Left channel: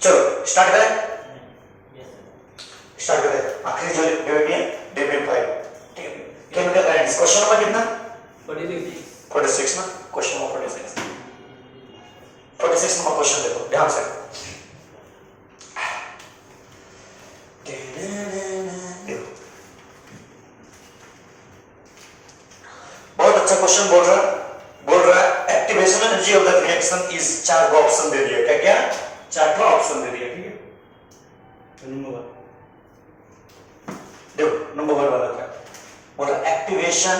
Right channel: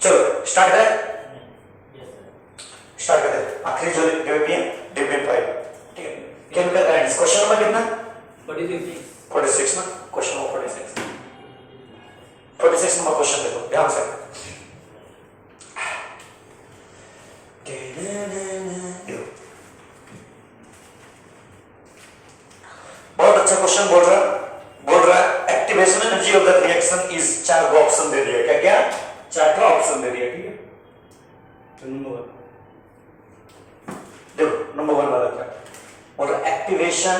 चलो स्टार्ट करें, स्टार्ट करें। आखिरी जो डेरिवेटिव है डेरिवेटिव 5, ठीक है। केमिकल काइनेटिक्स क्वेश्चन नंबर कितना? 46 ना, क्वेश्चन नंबर 46 नंबर क्वेश्चन देखो ध्यान से। बहुत अच्छा क्वेश्चन बोल रहा है activation energy of the reaction is, 4 का ऑप्शन दे दिया। क्या क्या? 4 का ऑप्शन दे दिया, ठीक है। नंबर 1 देखो, नंबर 1 वाला क्या बोल रहा है? Activation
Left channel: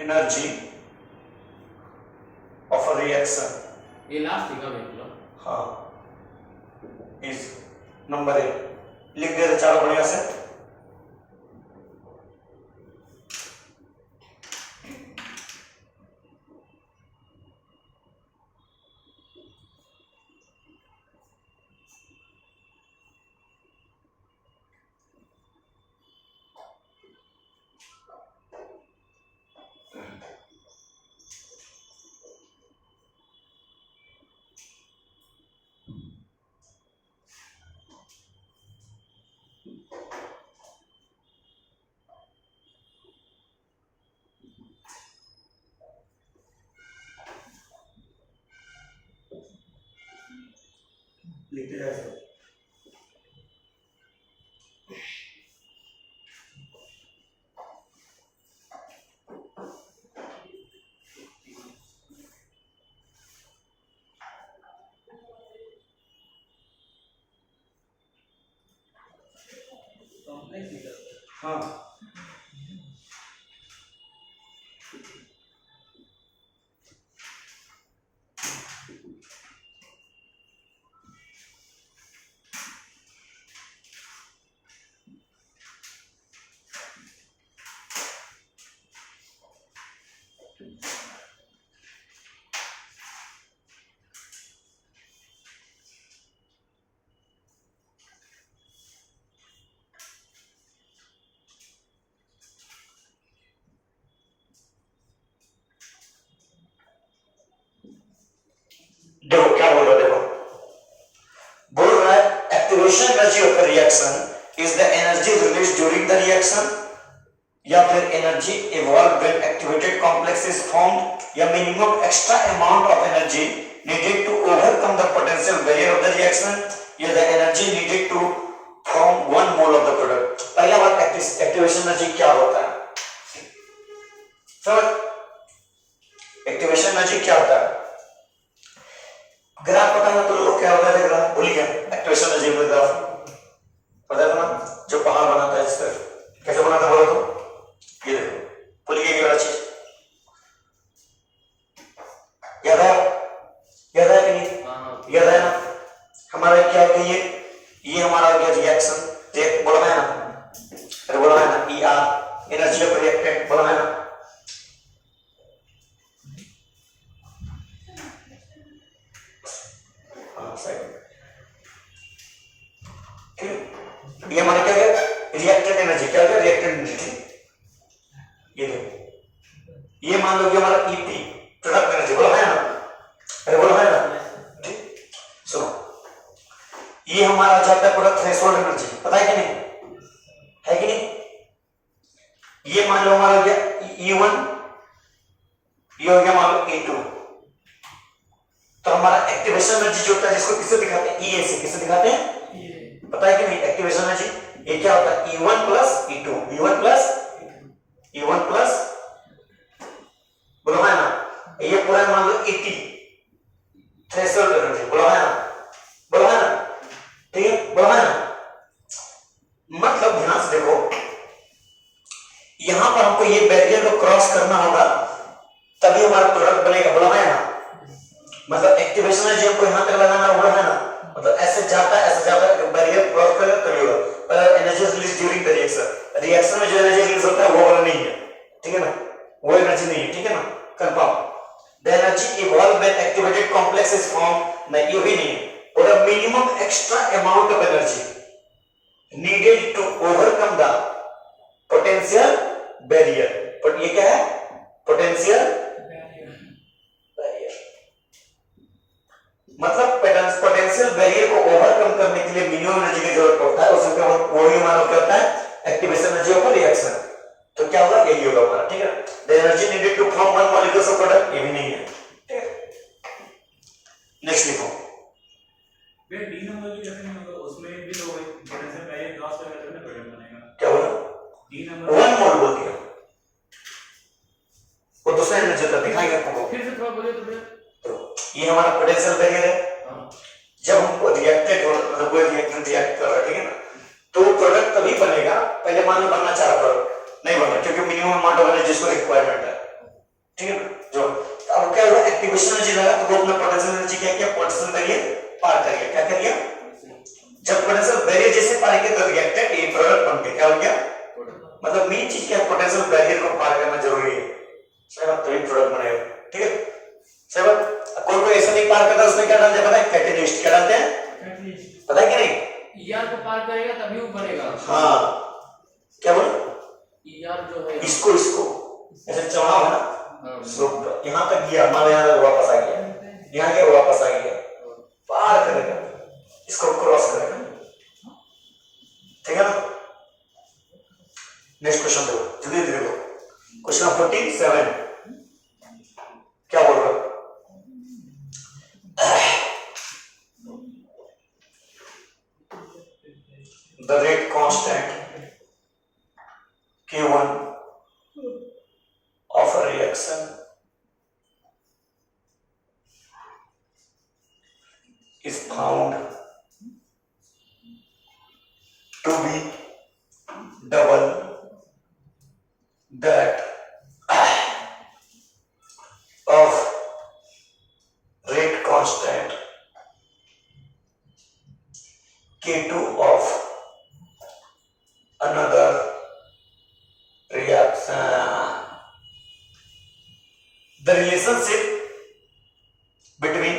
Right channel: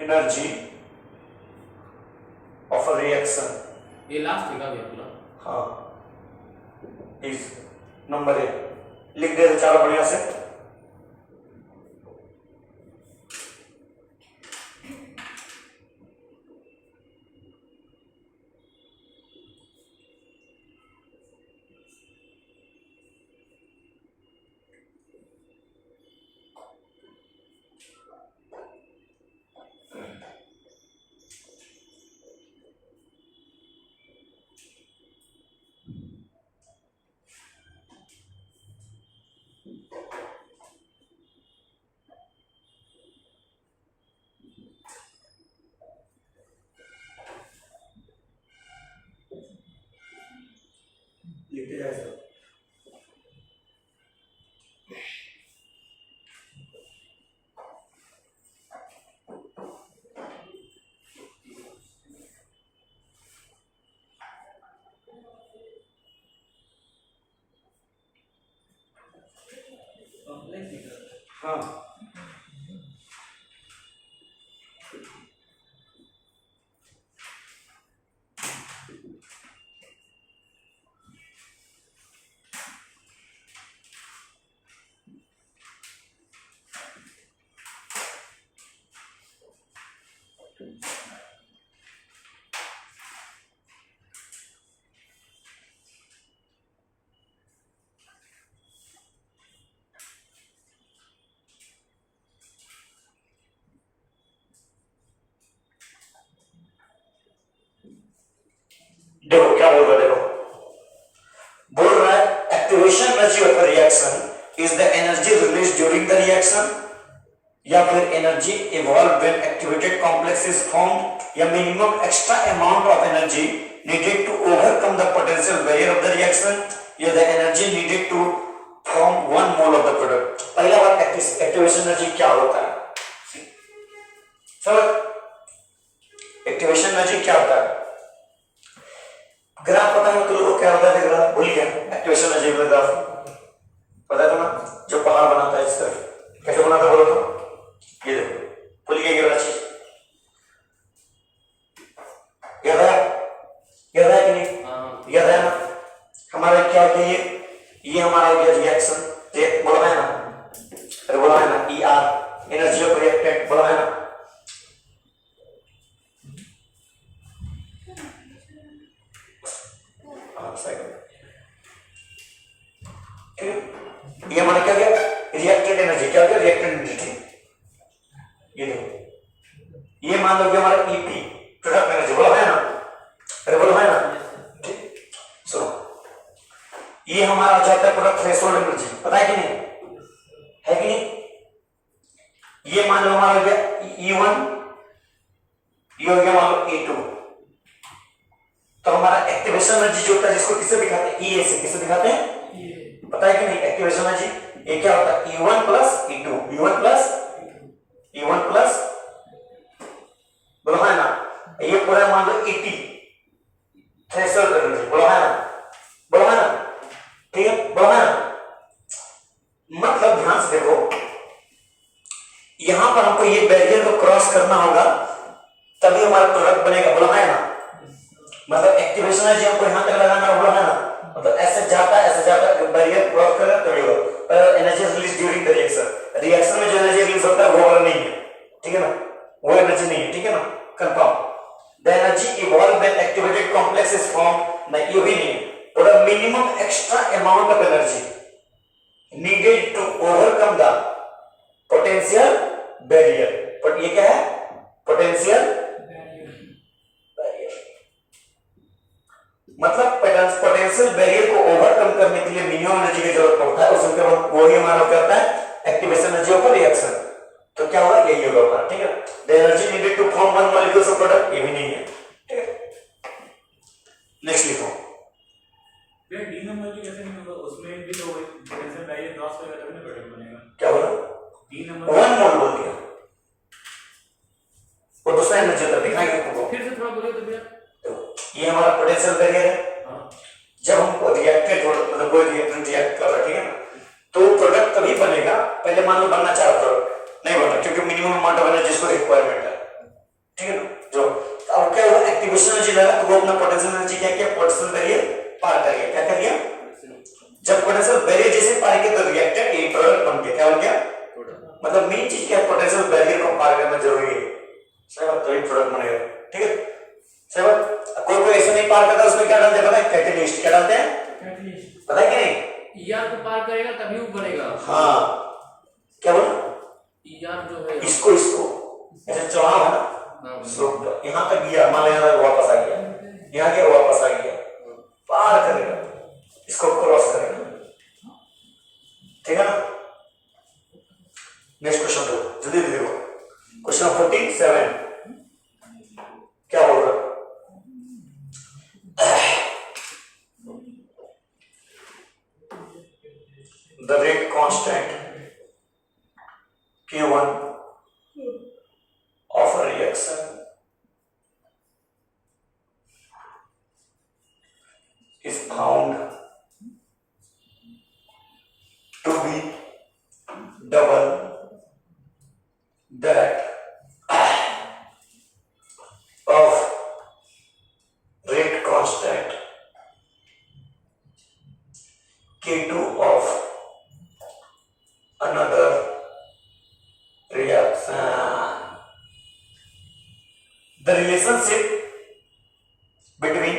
energy of a reaction, ये लास्ट का देख लो। हाँ, इज नंबर 1 लिख दे रहे चारों बढ़िया से। लिखते जाए सब। हाँ, देखो क्या बोल रहा है, देखो बोल रहा है activation energy of the reaction is the energy release during the reaction, या फिर energy evolve when activated complex is formed, या minimum extra amount of energy needed to overcome the potential barrier of the reaction, या the energy needed to form 1 mole of the product. पहला बात, activation energy क्या होता है? समझ, activation energy क्या होता है? ग्राफ पता है तो लोगों को क्या होता है? ग्राफ भूल गया, एक्टिवेशन एनर्जी का ग्राफ पता है ना, जो पहाड़ बनाता है इस तरफ कैसे बनाता है बोलो तो? ये देखो, भूल गया ये वाला चीज, याद है कि नहीं? याद है ना? हमारा क्या होता है ये हमारा हो गया रिएक्शन, बोला है ना? अरे बोला है ना, E R energy of reactant, बोला है ना? ये हमारा क्या गया? रिएक्टेंट एनर्जी, क्या हो गया? Reactant energy. ये देखो, ये मान लो कि हमारा ईपी प्रोडक्ट एनर्जी, बोला है ना? अरे बोला है ना? ठीक, सुनो, ये हमारा जाता है प्रोडक्ट थ्रेशोल्ड एनर्जी, पता है कि नहीं? है कि नहीं? ये मान लो हमारा हो गया E1, ये हो गया मान लो E2। तो हमारा एक्टिवेशन एनर्जी जो होता है, जिसको किससे दिखाते हैं? E से। किससे दिखाते हैं? पता है कि नहीं? एक्टिवेशन एनर्जी ये क्या होता है? E1 plus E2, E1 plus बोलो है ना? ये पूरा मान लो 80 थ्रेशोल्ड एनर्जी, बोलो है ना? बोलो है ना? ठीक है, बोलो है ना? मतलब ध्यान से देखो, यहां पर हमको ये बैरियर को क्रॉस करना होगा, तभी हमारा प्रोडक्ट बनेगा, बोलो है ना? मतलब एक्टिवेशन एनर्जी हमको यहां तक लगाना है, बोलो है ना? मतलब ऐसे जाता है बैरियर क्रॉस करेगा तभी होगा। पर energy release during the reaction में जो एनर्जी रिलीज होता है वो वाला नहीं है, ठीक है ना? वो एनर्जी नहीं है, ठीक है ना? Confirm. The energy evolve when activated complex is form, नहीं ये भी नहीं है। और a minimum extra amount of energy needed to overcome the potential barrier. But ये क्या है? Potential barrier. मतलब पोटेंशियल बैरियर को ओवरकम करने के लिए मिनिमम एनर्जी की जरूरत पड़ता है, उसमें केवल वही हमारा क्या होता है, एक्टिवेशन एनर्जी ऑफ रिएक्शन। तो क्या होगा, यही होगा हमारा, ठीक है। The energy needed to form one molecule of product, ये भी नहीं है, ठीक है। नेक्स्ट लिखो, ये डी नंबर भी कैसे नहीं होगा, उसमें भी तो पोटेंशियल बैरियर क्रॉस करेगा तभी ना प्रोडक्ट बनेगा। क्या बोला, डी नंबर वन मोल बोल दिया, वो दूसरा एनर्जी होता है, दिखाएंगे आपको। फिर से थोड़ा बोलिए तो भैया। तो ये हमारा पोटेंशियल बैरियर है। हाँ जब हम रिएक्टेड मतलब कोई रिएक्टेंट रिएक्ट कर रहा है, ठीक है ना, तो प्रोडक्ट तभी बनेगा, पहले मान लो बनना चाह रहा प्रोडक्ट नहीं बनता, क्योंकि मिनिमम अमाउंट ऑफ एनर्जी जिसको रिक्वायरमेंट है, ठीक है ना। जो अब क्या हुआ, एक्टिवेशन एनर्जी लगा तो वो अपना पोटेंशियल एनर्जी क्या किया, पोटेंशियल बैरियर पार कर गया। क्या कर गया, जब पोटेंशियल बैरियर जैसे पार किया तो रिएक्टेड ये प्रोडक्ट बन गया। क्या हो गया, मतलब मेन चीज क्या है, पोटेंशियल बैरियर को पार करना जरूरी है, सही बात, तभी प्रोडक्ट बनेगा, ठीक है, सही बात। कोई ऐसा नहीं पार करता, उसमें क्या डालते हैं पता है, कैटलिस्ट। क्या डालते हैं, कैटलिस्ट, पता है कि नहीं, ईआर को पार करेगा तभी वो बनेगा। हाँ क्या बोला, ईआर जो है इसको ऐसे चढ़ाव है ना, स्लोप यहाँ तक गया, मान लो यहाँ तक वापस आ गया, यहाँ गया वापस आ गया, पार करेगा, इसको क्रॉस करेगा, ठीक है ना। नेक्स्ट क्वेश्चन देखो, जल्दी देखो, क्वेश्चन 47 क्या बोल रहा, the rate constant Q1 of a reaction is found to be double that of rate constant K2 of another reaction. The relationship between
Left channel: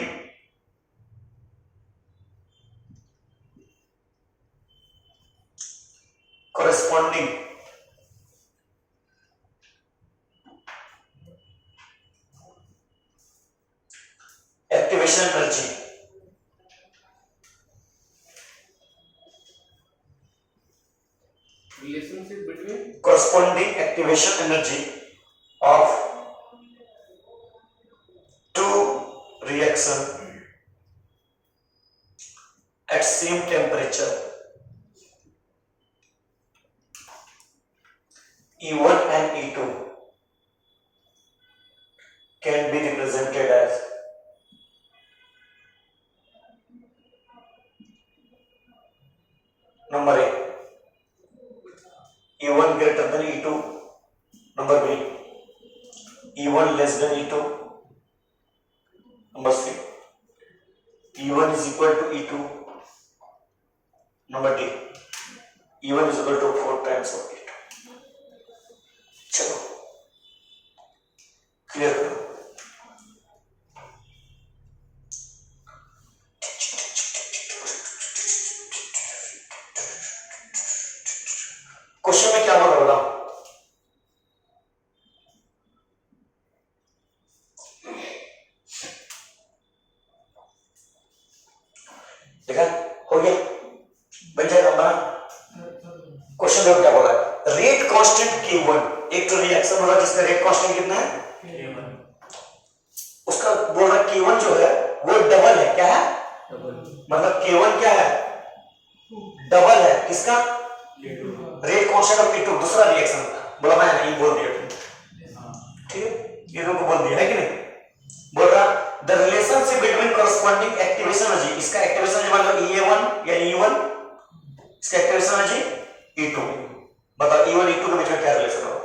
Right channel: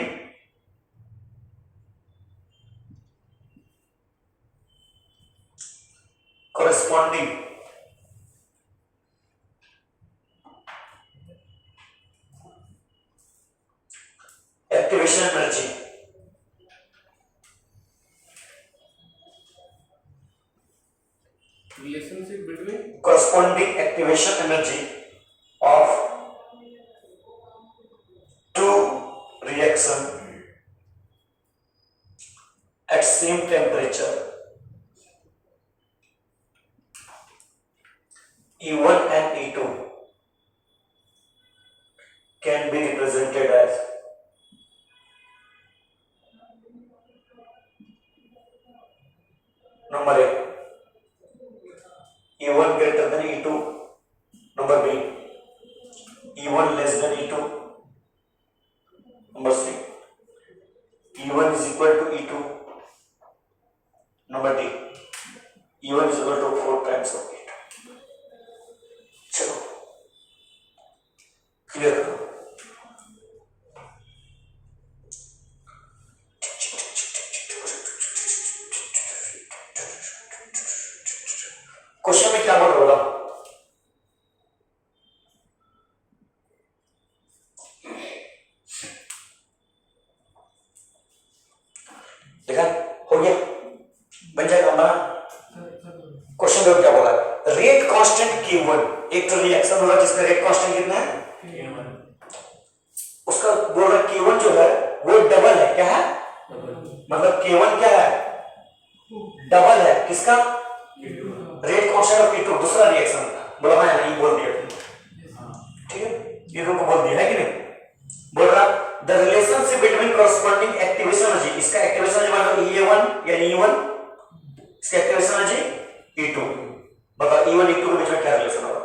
corresponding activation energy relationship between corresponding activation energy of two reaction at same temperature E1 and E2 can be represented as number A E1 greater than E2, number B E1 less than E2, number C E1 is equal to E2, number D E1 is equal to 4 times of E2। चलो clear करो, question में क्या बोल रहा हूं, देखा हो गया, बन जाएगा बना। क्वेश्चन देखो क्या बोला है, रेट कांस्टेंट Q1, एक तो रिएक्शन होगा जिसका रेट कांस्टेंट कितना है, उसका बोल रहा Q1 जो है वो डबल है, क्या है, मतलब K1 क्या है, डबल है किसका, रेट कांस्टेंट ऑफ Q2, दूसरा रिएक्शन का बोला मैं नहीं बोल दिया तुमने, ठीक है, ये तुमको बोल दिया है कि नहीं, बोल रहा the relationship between corresponding activation energy, इसका एक्टिवेशन एनर्जी मतलब E1 या E1, इसका एक्टिवेशन एनर्जी E2, बताओ E1 E2 के बीच में क्या रिलेशन होगा,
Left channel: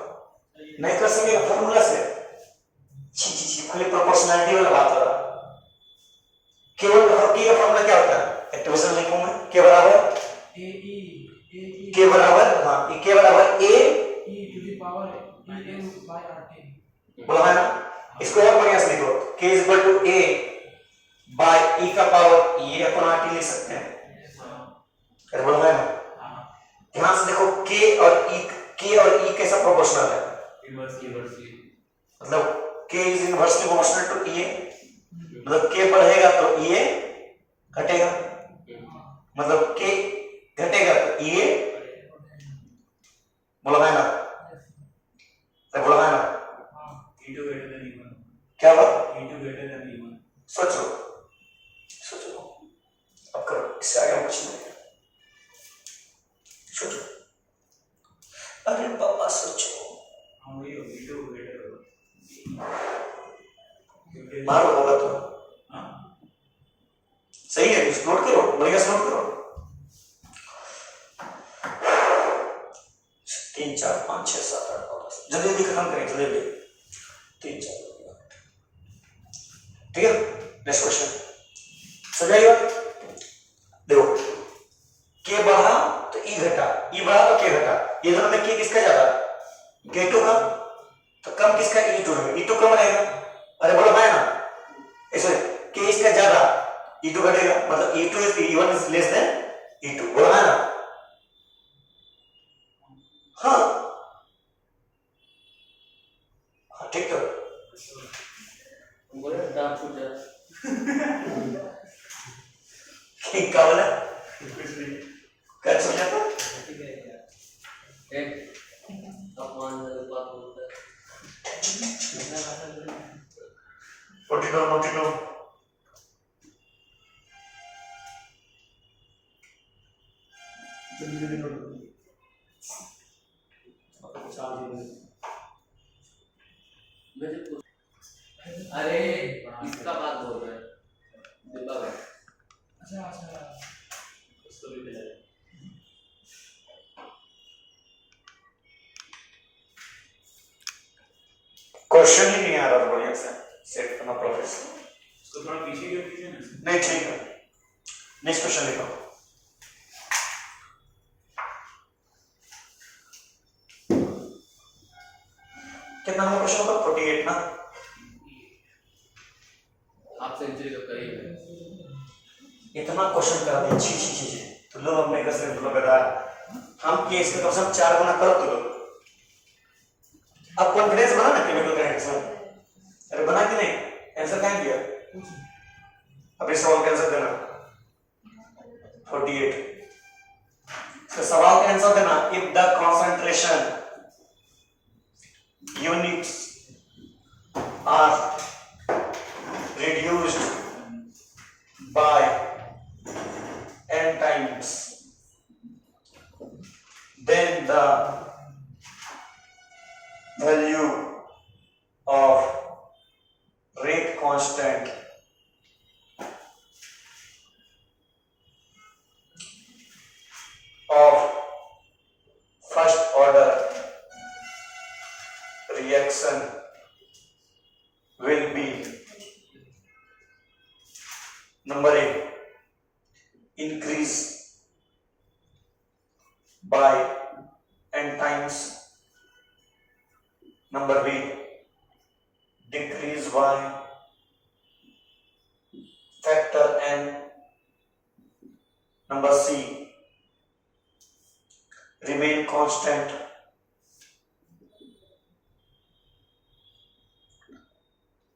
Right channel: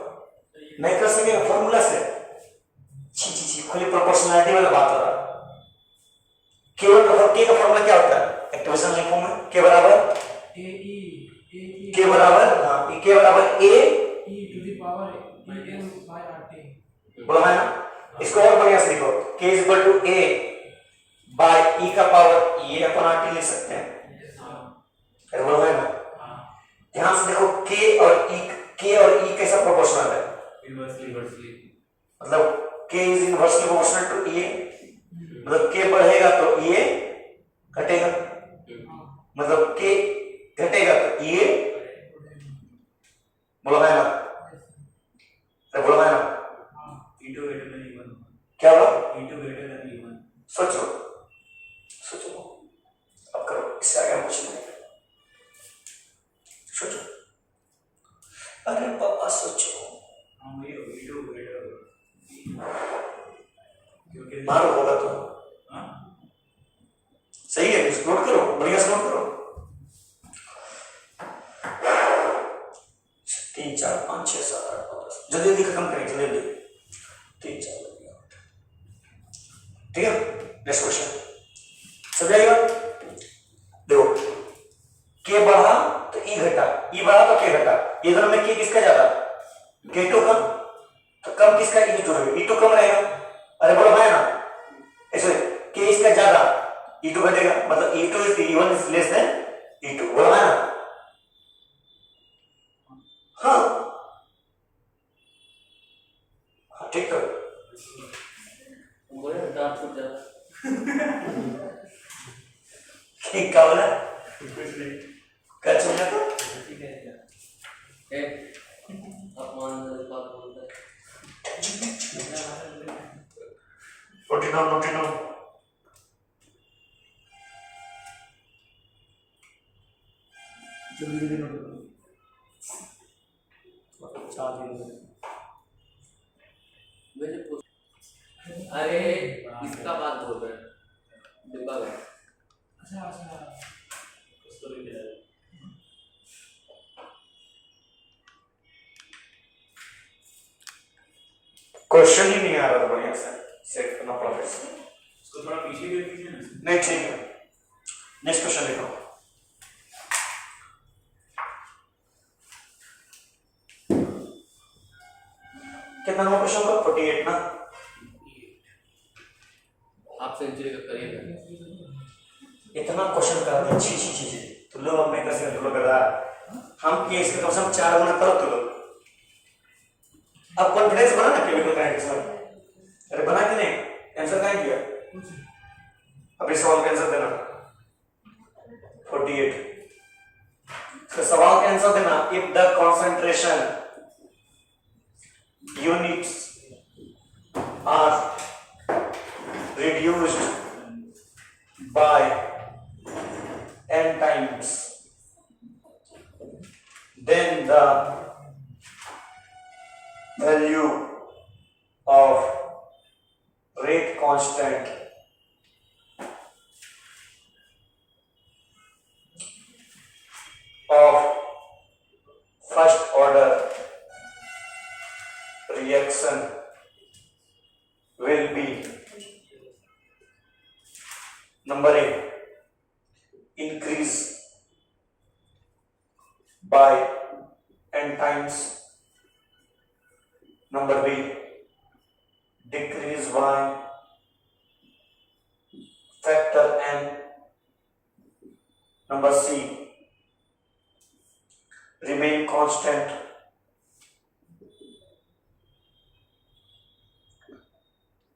नहीं कर सकेगा फॉर्मूला से, छी खाली प्रोपोर्शनैलिटी वाला बात हो रहा, केवल के का फॉर्मूला क्या होता है, एक्टिवेशन लिखूं मैं K बराबर K बराबर हाँ K बराबर A e to the power em by RT। बोला है ना, इसको और बढ़िया से लिखो, K is equal to A by E का पावर E अपॉन RT लिख सकते हैं, अरे बोला है ना, ध्यान से देखो K और E कैसा प्रोपोर्शनल है, इनवर्सली, मतलब K is inversely proportional to E, मतलब K बढ़ेगा तो E घटेगा, मतलब के घटेगा तो ये बोलो है ना, अरे बोलो है ना, E2 greater than E1 क्या हुआ? E2 greater than E1 सोचो सोचो, अब करो, इससे आगे कुछ नहीं, सोचो, अरे पापा सोचो, हाँ वही हो E2 greater होगा क्योंकि मारो होगा तो हाँ सही है, नोट करो, बढ़िया से नोट करो, 3 4 5 6 7 8 9 10, जल्दी जल्दी खत्म करें, जल्दी जल्दी, 3 4 ठीक है। नेक्स्ट क्वेश्चन समझाइएगा, देखो के बढ़ा तो ई घटा, ई बढ़ा तो के घटा, ये दोनों में के किसका ज्यादा, के2 का, तो कम किसका, E2 है, E2 कम रहेगा, अरे बोलो है ना, ऐसे के इसका ज्यादा, E2 घटेगा, मतलब E1 is less than E2, बोलो है ना, हाँ हाँ ठीक है, बोले दांत फूट जाता ठीक का बोला, कुछ नहीं क्या चल रहा था, है, अपमान बात बोलता है। रोटी लो, जल्दी जल्दी नोट करो, मुझे पूछ, अरे इसका बात बोल रहे हैं डिब्बा में। अच्छा अच्छा उसको भी मिला क्वेश्चन ही नहीं आ रहा था बढ़िया से, सेट करना पड़ा फिर से, उसको थोड़ा पीछे कर दीजिए ना नहीं ठीक है, नेक्स्ट क्वेश्चन लिखो, कितना नंबर क्वेश्चन का, 48 ना, आप सेंचुरी का करिए। इतना क्वेश्चन करा दे, अच्छी अच्छी चीजें तो लोग अपने कर सकते, तो लोग करा हम ये इसके कम से कम 4 गुना करो तो लोग, अब कॉन्फिडेंस बना ना केमिकल काइनेटिक्स में, अरे बना कि नहीं, आंसर कहाँ दिया, अब इस सवाल का आंसर देना, 48, तो सवाल का आंसर देना, if the concentration units are reduced by n times, then the value of rate constant of first order reaction will be, number A, increase by n times, number B, decrease by factor n, number C, remain constant,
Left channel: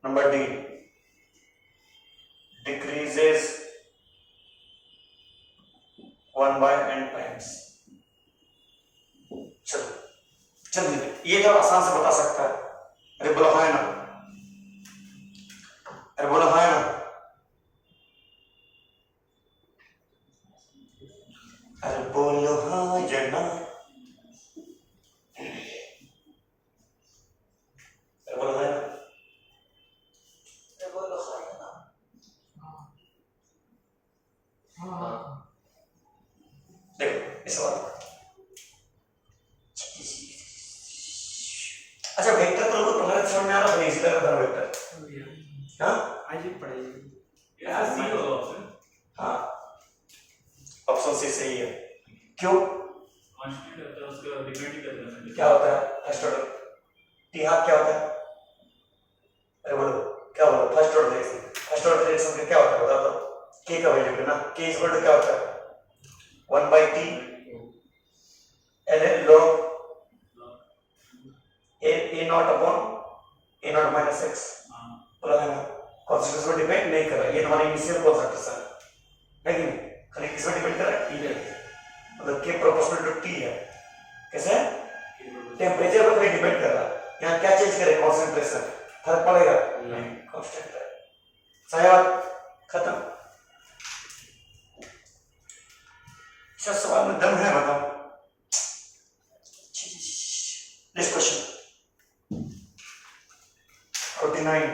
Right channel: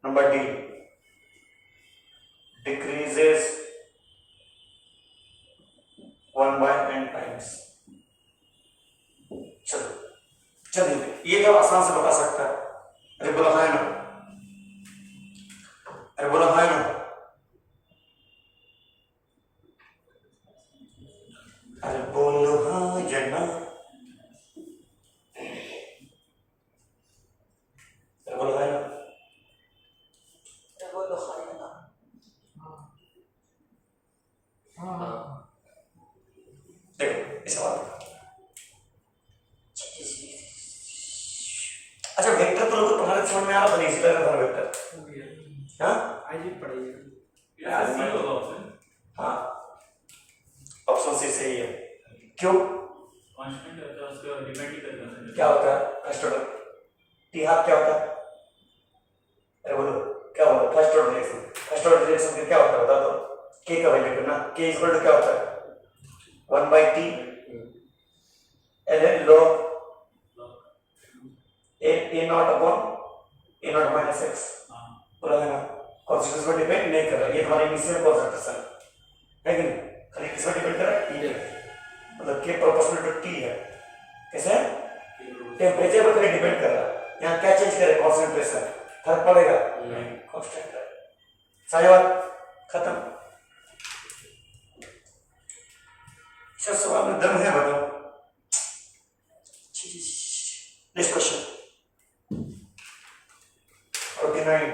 number D, decreases 1 by n times। चलो चलिए, ये तो आसान से बता सकता है, अरे बोलो हाँ ना, अरे बोलो हाँ ना, अरे बोलो हाँ या ना, अरे बोलो हाँ ना, अरे बोलो हाँ या ना, हाँ देखो इस सवाल का, अच्छा वेक्टर तो लोगों को तुम्हारे समझ में आ रहा था, नहीं इसी तरह था वेक्टर, हाँ आज ही पढ़ेंगे। ये सी होगा ऑप्शन हाँ, ऑप्शन सी सही है, क्यों, कांस्टेंट होता है, उसका डिपेंड ही करता है क्या होता है फर्स्ट ऑर्डर, टी हाफ क्या होता है, अरे बोलो क्या होता है first order reaction, first order reaction का क्या होता है बता दो, के का वैल्यू पे ना, के इक्वल टू क्या होता है 1 by t ln log a not upon a not minus x, हां बोला है ना, कॉन्स्टेंट को डिपेंड नहीं कर रहा, ये तुम्हारी इनिशियल कॉन्सेंट्रेशन, है कि नहीं? खाली किस पर डिपेंड कर रहा है? T पे। मतलब K प्रोपोर्शनल टू T है। कैसे? टेम्परेचर पर खाली डिपेंड कर रहा है। यहाँ क्या चेंज करे? कॉन्सेंट्रेशन। फर्क पड़ेगा? नहीं, कांस्टेंट है। सारी बात खत्म। अच्छा सवाल में दम है, बताओ। Next question 49।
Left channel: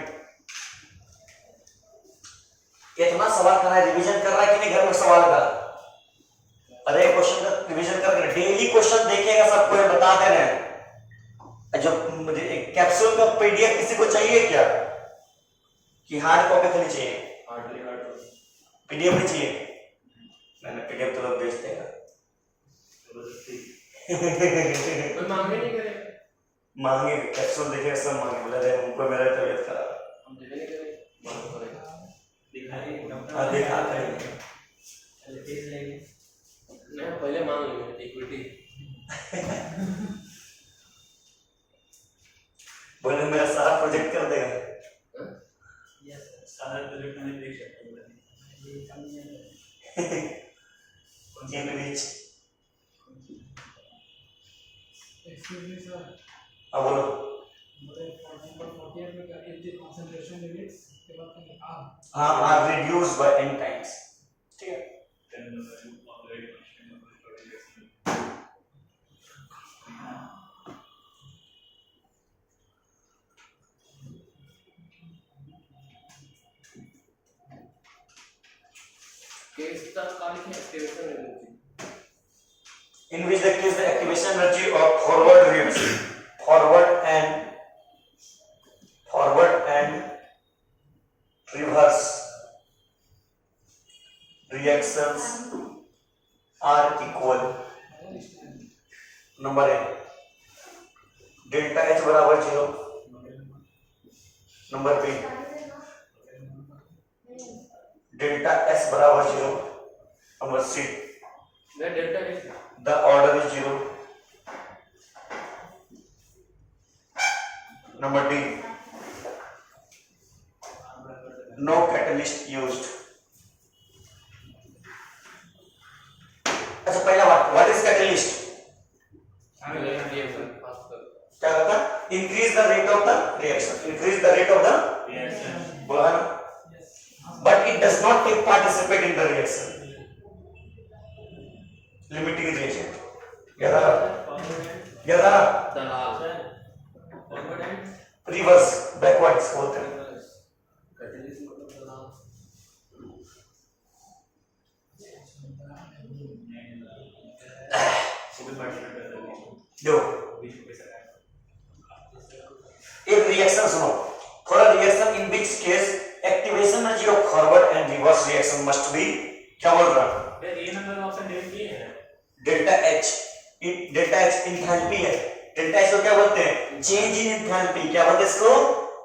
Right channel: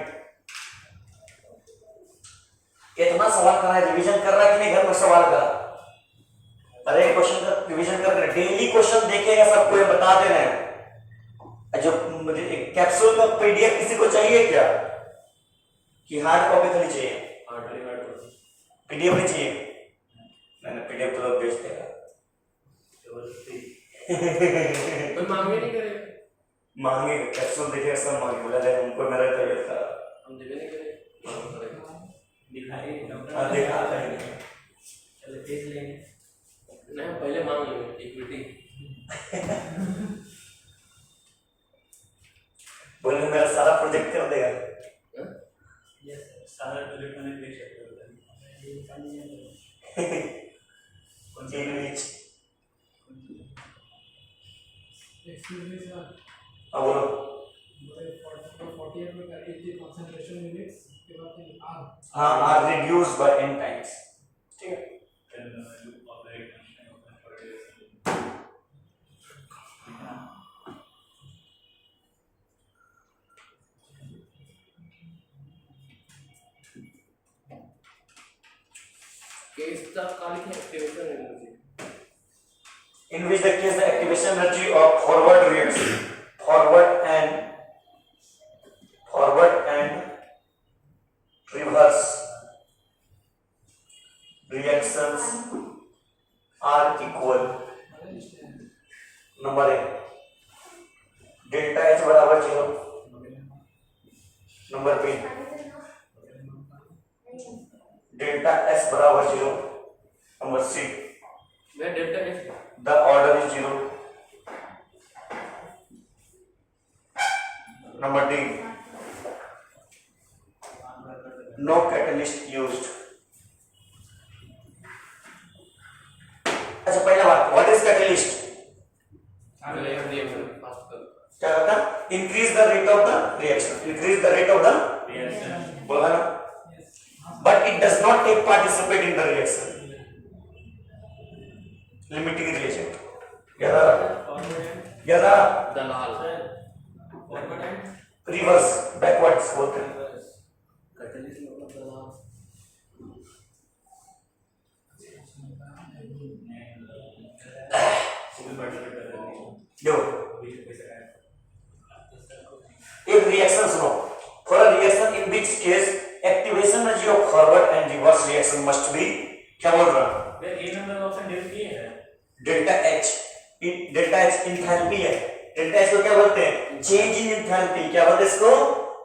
इतना सवाल कर रहा है, रिवीजन कर रहा है कि नहीं घर में सवाल का? अरे क्वेश्चन का रिवीजन कर रहे हैं, डेली क्वेश्चन देखेगा, सबको ये बता दे रहे हैं। जो कैप्सूल का पीडीएफ किसी को चाहिए क्या? कि हार्ड कॉपी खाली चाहिए? पीडीएफ नहीं चाहिए? मैंने पीडीएफ तो लोग बेचते हैं। कोई मांगे नहीं करे, मांगे कैप्सूल देखेगा, सब मांगे, बोला जाए उनको मेरा तबीयत खराब, हम देवे नहीं करे, हाँ देखा करेंगे। चलो देख लेंगे। नहीं पहले मांग लो इक्विटी। बोले मेरा सारा प्रोजेक्ट कर देगा। Yes sir. सारा प्रोजेक्ट मैंने देख सकते हो। कौन सी नीचे एक्सक्यूज मी सर, अब बोलो। बोले फॉर एग्जांपल 48 में क्या इतनी कंसंट्रेशन यूनिट्स के बाद कहीं हाँ are reduce by n times, ठीक है। then the value of the rate constant of control reaction. Case the कार्य की activation energy In which the case the activation energy of forward reaction, forward and reverse reactions are equal. Number A, delta H बराबर 0. Number B, delta S बराबर 0. Number C, मैं delta कैसे the order is 0. Number D, no catalyst used. अच्छा पहला बात, what is catalyst? Reaction fast कर क्या करता है? Increase the rate of the reaction. Increase the rate of the Reaction. बोला ना? But it does not take participate in the reaction. Limiting reagent. क्या था? दलाल Reverse, backwards बोलते हैं. कैटलिस्ट मतलब दलाल देखो एक रिएक्शन सुनो. For a reaction in which case activation energy of forward and reverse reaction must be, क्या बोल रहा हूँ? A नंबर का ऑप्शन डेल्टा ए है. Delta H. Delta H enthalpy है. डेल्टा एच को क्या बोलते हैं? Change in enthalpy. क्या बोलते हैं इसको?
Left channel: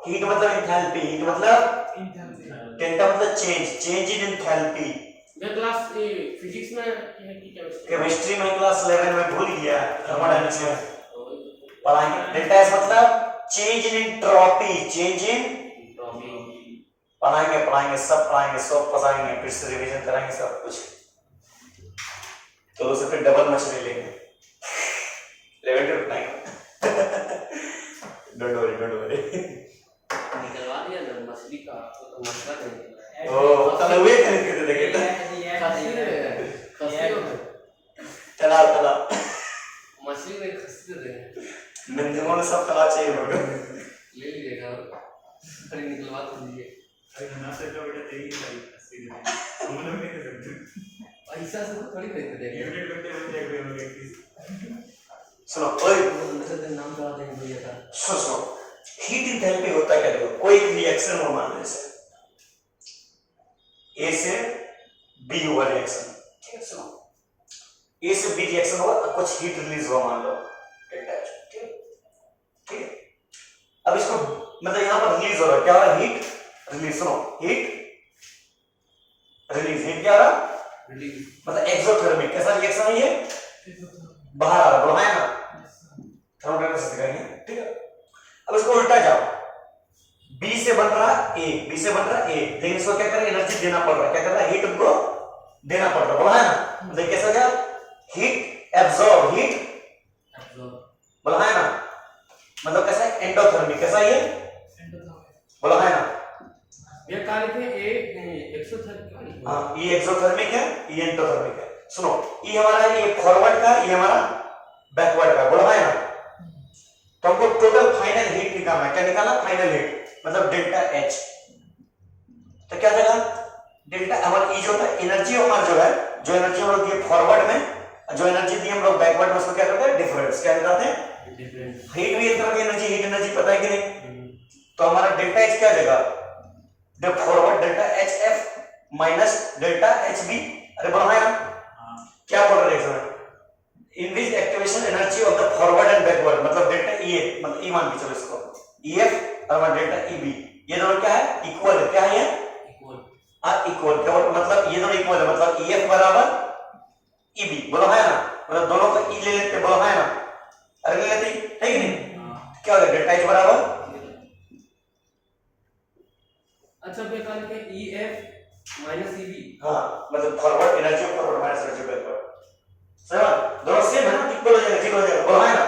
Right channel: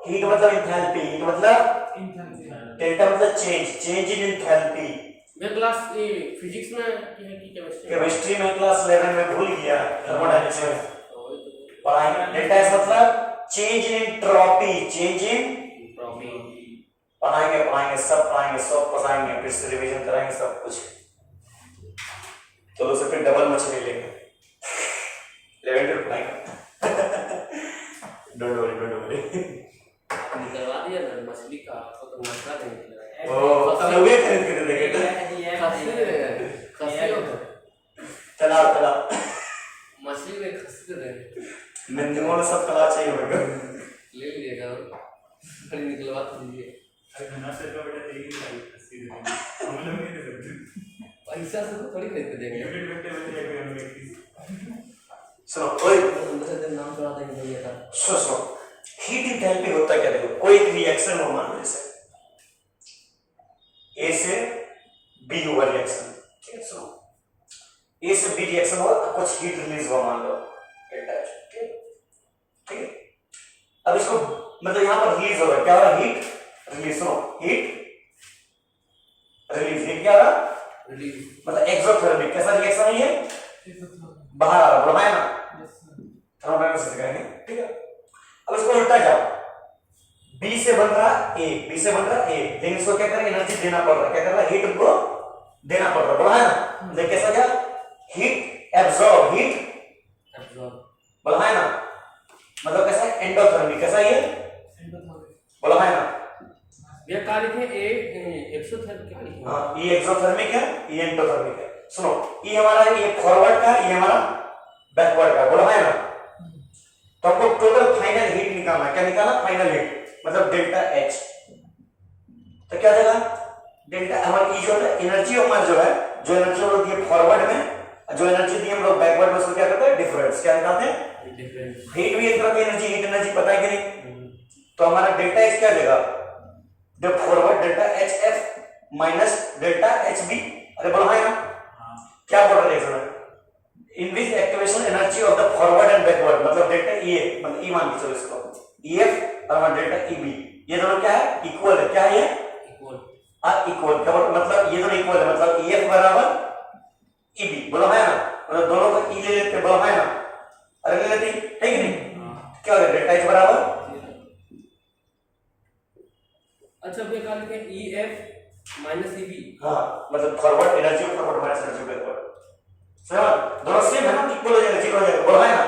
हीट मतलब इंथैल्पी. हीट मतलब इंथैल्पी। डेल्टा मतलब चेंज इन इंथैल्पी. मैं क्लास ए फिजिक्स में की केमिस्ट्री केमिस्ट्री में क्लास 11 में भूल गया, थर्मोडायनेमिक्स में पढ़ाएंगे. डेल्टा एच मतलब change in entropy. Change in पढ़ाएंगे सब पढ़ाएंगे, फिर से रिवीजन कराएंगे सब कुछ. तो फिर डबल मछली लेंगे. 11 टू 9. Don't worry. निकलवा दिया ना मछली का तो मसला नहीं निकल रहा है. ओ तनवे खरीद देंगे. चला मछली ने खसी दे मंदिरों में सब कला चाहिए होगा. ले लीजिएगा फिर निकलवा दीजिए. अरे धन्ना से का बेटा तेरी सारी अस्सी दे. हम लोग नहीं दे सकते. पैसा से थोड़ी खरीद देंगे. लिमिटेड करते हुए जाएंगे हम लोग एक पीस. सुनो ओए नाम करा देंगे भैया का. सुनो हीट इंथैल्पी होता है क्या? देखो कोई रिएक्शन हो, मान लो जैसे ए से बी हुआ रिएक्शन, ठीक है. सुनो ए से बी रिएक्शन हुआ, कुछ हीट रिलीज हुआ, मान लो डेल्टा एच. ठीक है. अब इसको मतलब यहां पर रिलीज हो रहा है. क्या हो रहा है? Heat release. सुनो हीट रिलीज. हीट क्या आ रहा? मतलब एक्सोथर्मिक. कैसा रिएक्शन है ये? बाहर आ रहा. बोला है ना? थर्मोडायनेमिक्स से करेंगे, ठीक है. अब इसको उल्टा जाओ. बी से बन रहा ए, बी से बन रहा ए, लेकिन इसको क्या करें? एनर्जी देना पड़ रहा है. क्या कर रहा है? हीट को देना पड़ रहा, बोला है ना? मतलब कैसा गया? हीट एब्जॉर्ब, हीट एब्जॉर्ब, बोला है ना? मतलब कैसा है? एंडोथर्मिक, कैसा ये? Endothermic. बोला है ना? ये कार्य है ए एक्सोथर्मिक। हाँ, ये एक्सोथर्मिक है, ये एंडोथर्मिक है। सुनो, ये हमारा ये फॉरवर्ड का, ये हमारा बैकवर्ड का, बोला है ना? तो हमको टोटल फाइनल हीट निकालना है। क्या निकालना? फाइनल हीट, मतलब डेल्टा एच। तो क्या देगा? डेल्टा हमारी ये जो है एनर्जी हमारी जो है, जो एनर्जी हम लोग दिए फॉरवर्ड में, जो एनर्जी दी हम लोग बैकवर्ड में, उसको क्या करते हैं? डिफरेंस। क्या निकालते हैं? डिफरेंस। हीट भी एक तरह की एनर्जी, हीट एनर्जी पता है कि नहीं? तो हमारा डेल्टा एच क्या देगा? The forward delta H F minus delta H B. अरे बोला है ना? क्या बोल रहे हैं? Increase activation energy of the forward and backward, मतलब डेल्टा ई ए, मतलब ई मान के चलो इसको, ई एफ और हमारा डेल्टा ई बी, ये दोनों क्या है? इक्वल है। क्या है ये? इक्वल। क्या मतलब? ये दोनों इक्वल है, मतलब ई एफ बराबर ई बी, बोला है ना? मतलब दोनों का ई ले लेते, बोला है ना? अरे ले लेते है कि नहीं? क्या हो गया? डेल्टा एच बराबर, अच्छा ये कार्य है E F minus E B. हाँ, मतलब फॉरवर्ड एनर्जी और फॉरवर्ड माइनस एनर्जी बैकवर्ड, सही दोनों सेम है ना? इक्वल हो जाएगा, जीरो हो जाएगा, बोला है ना?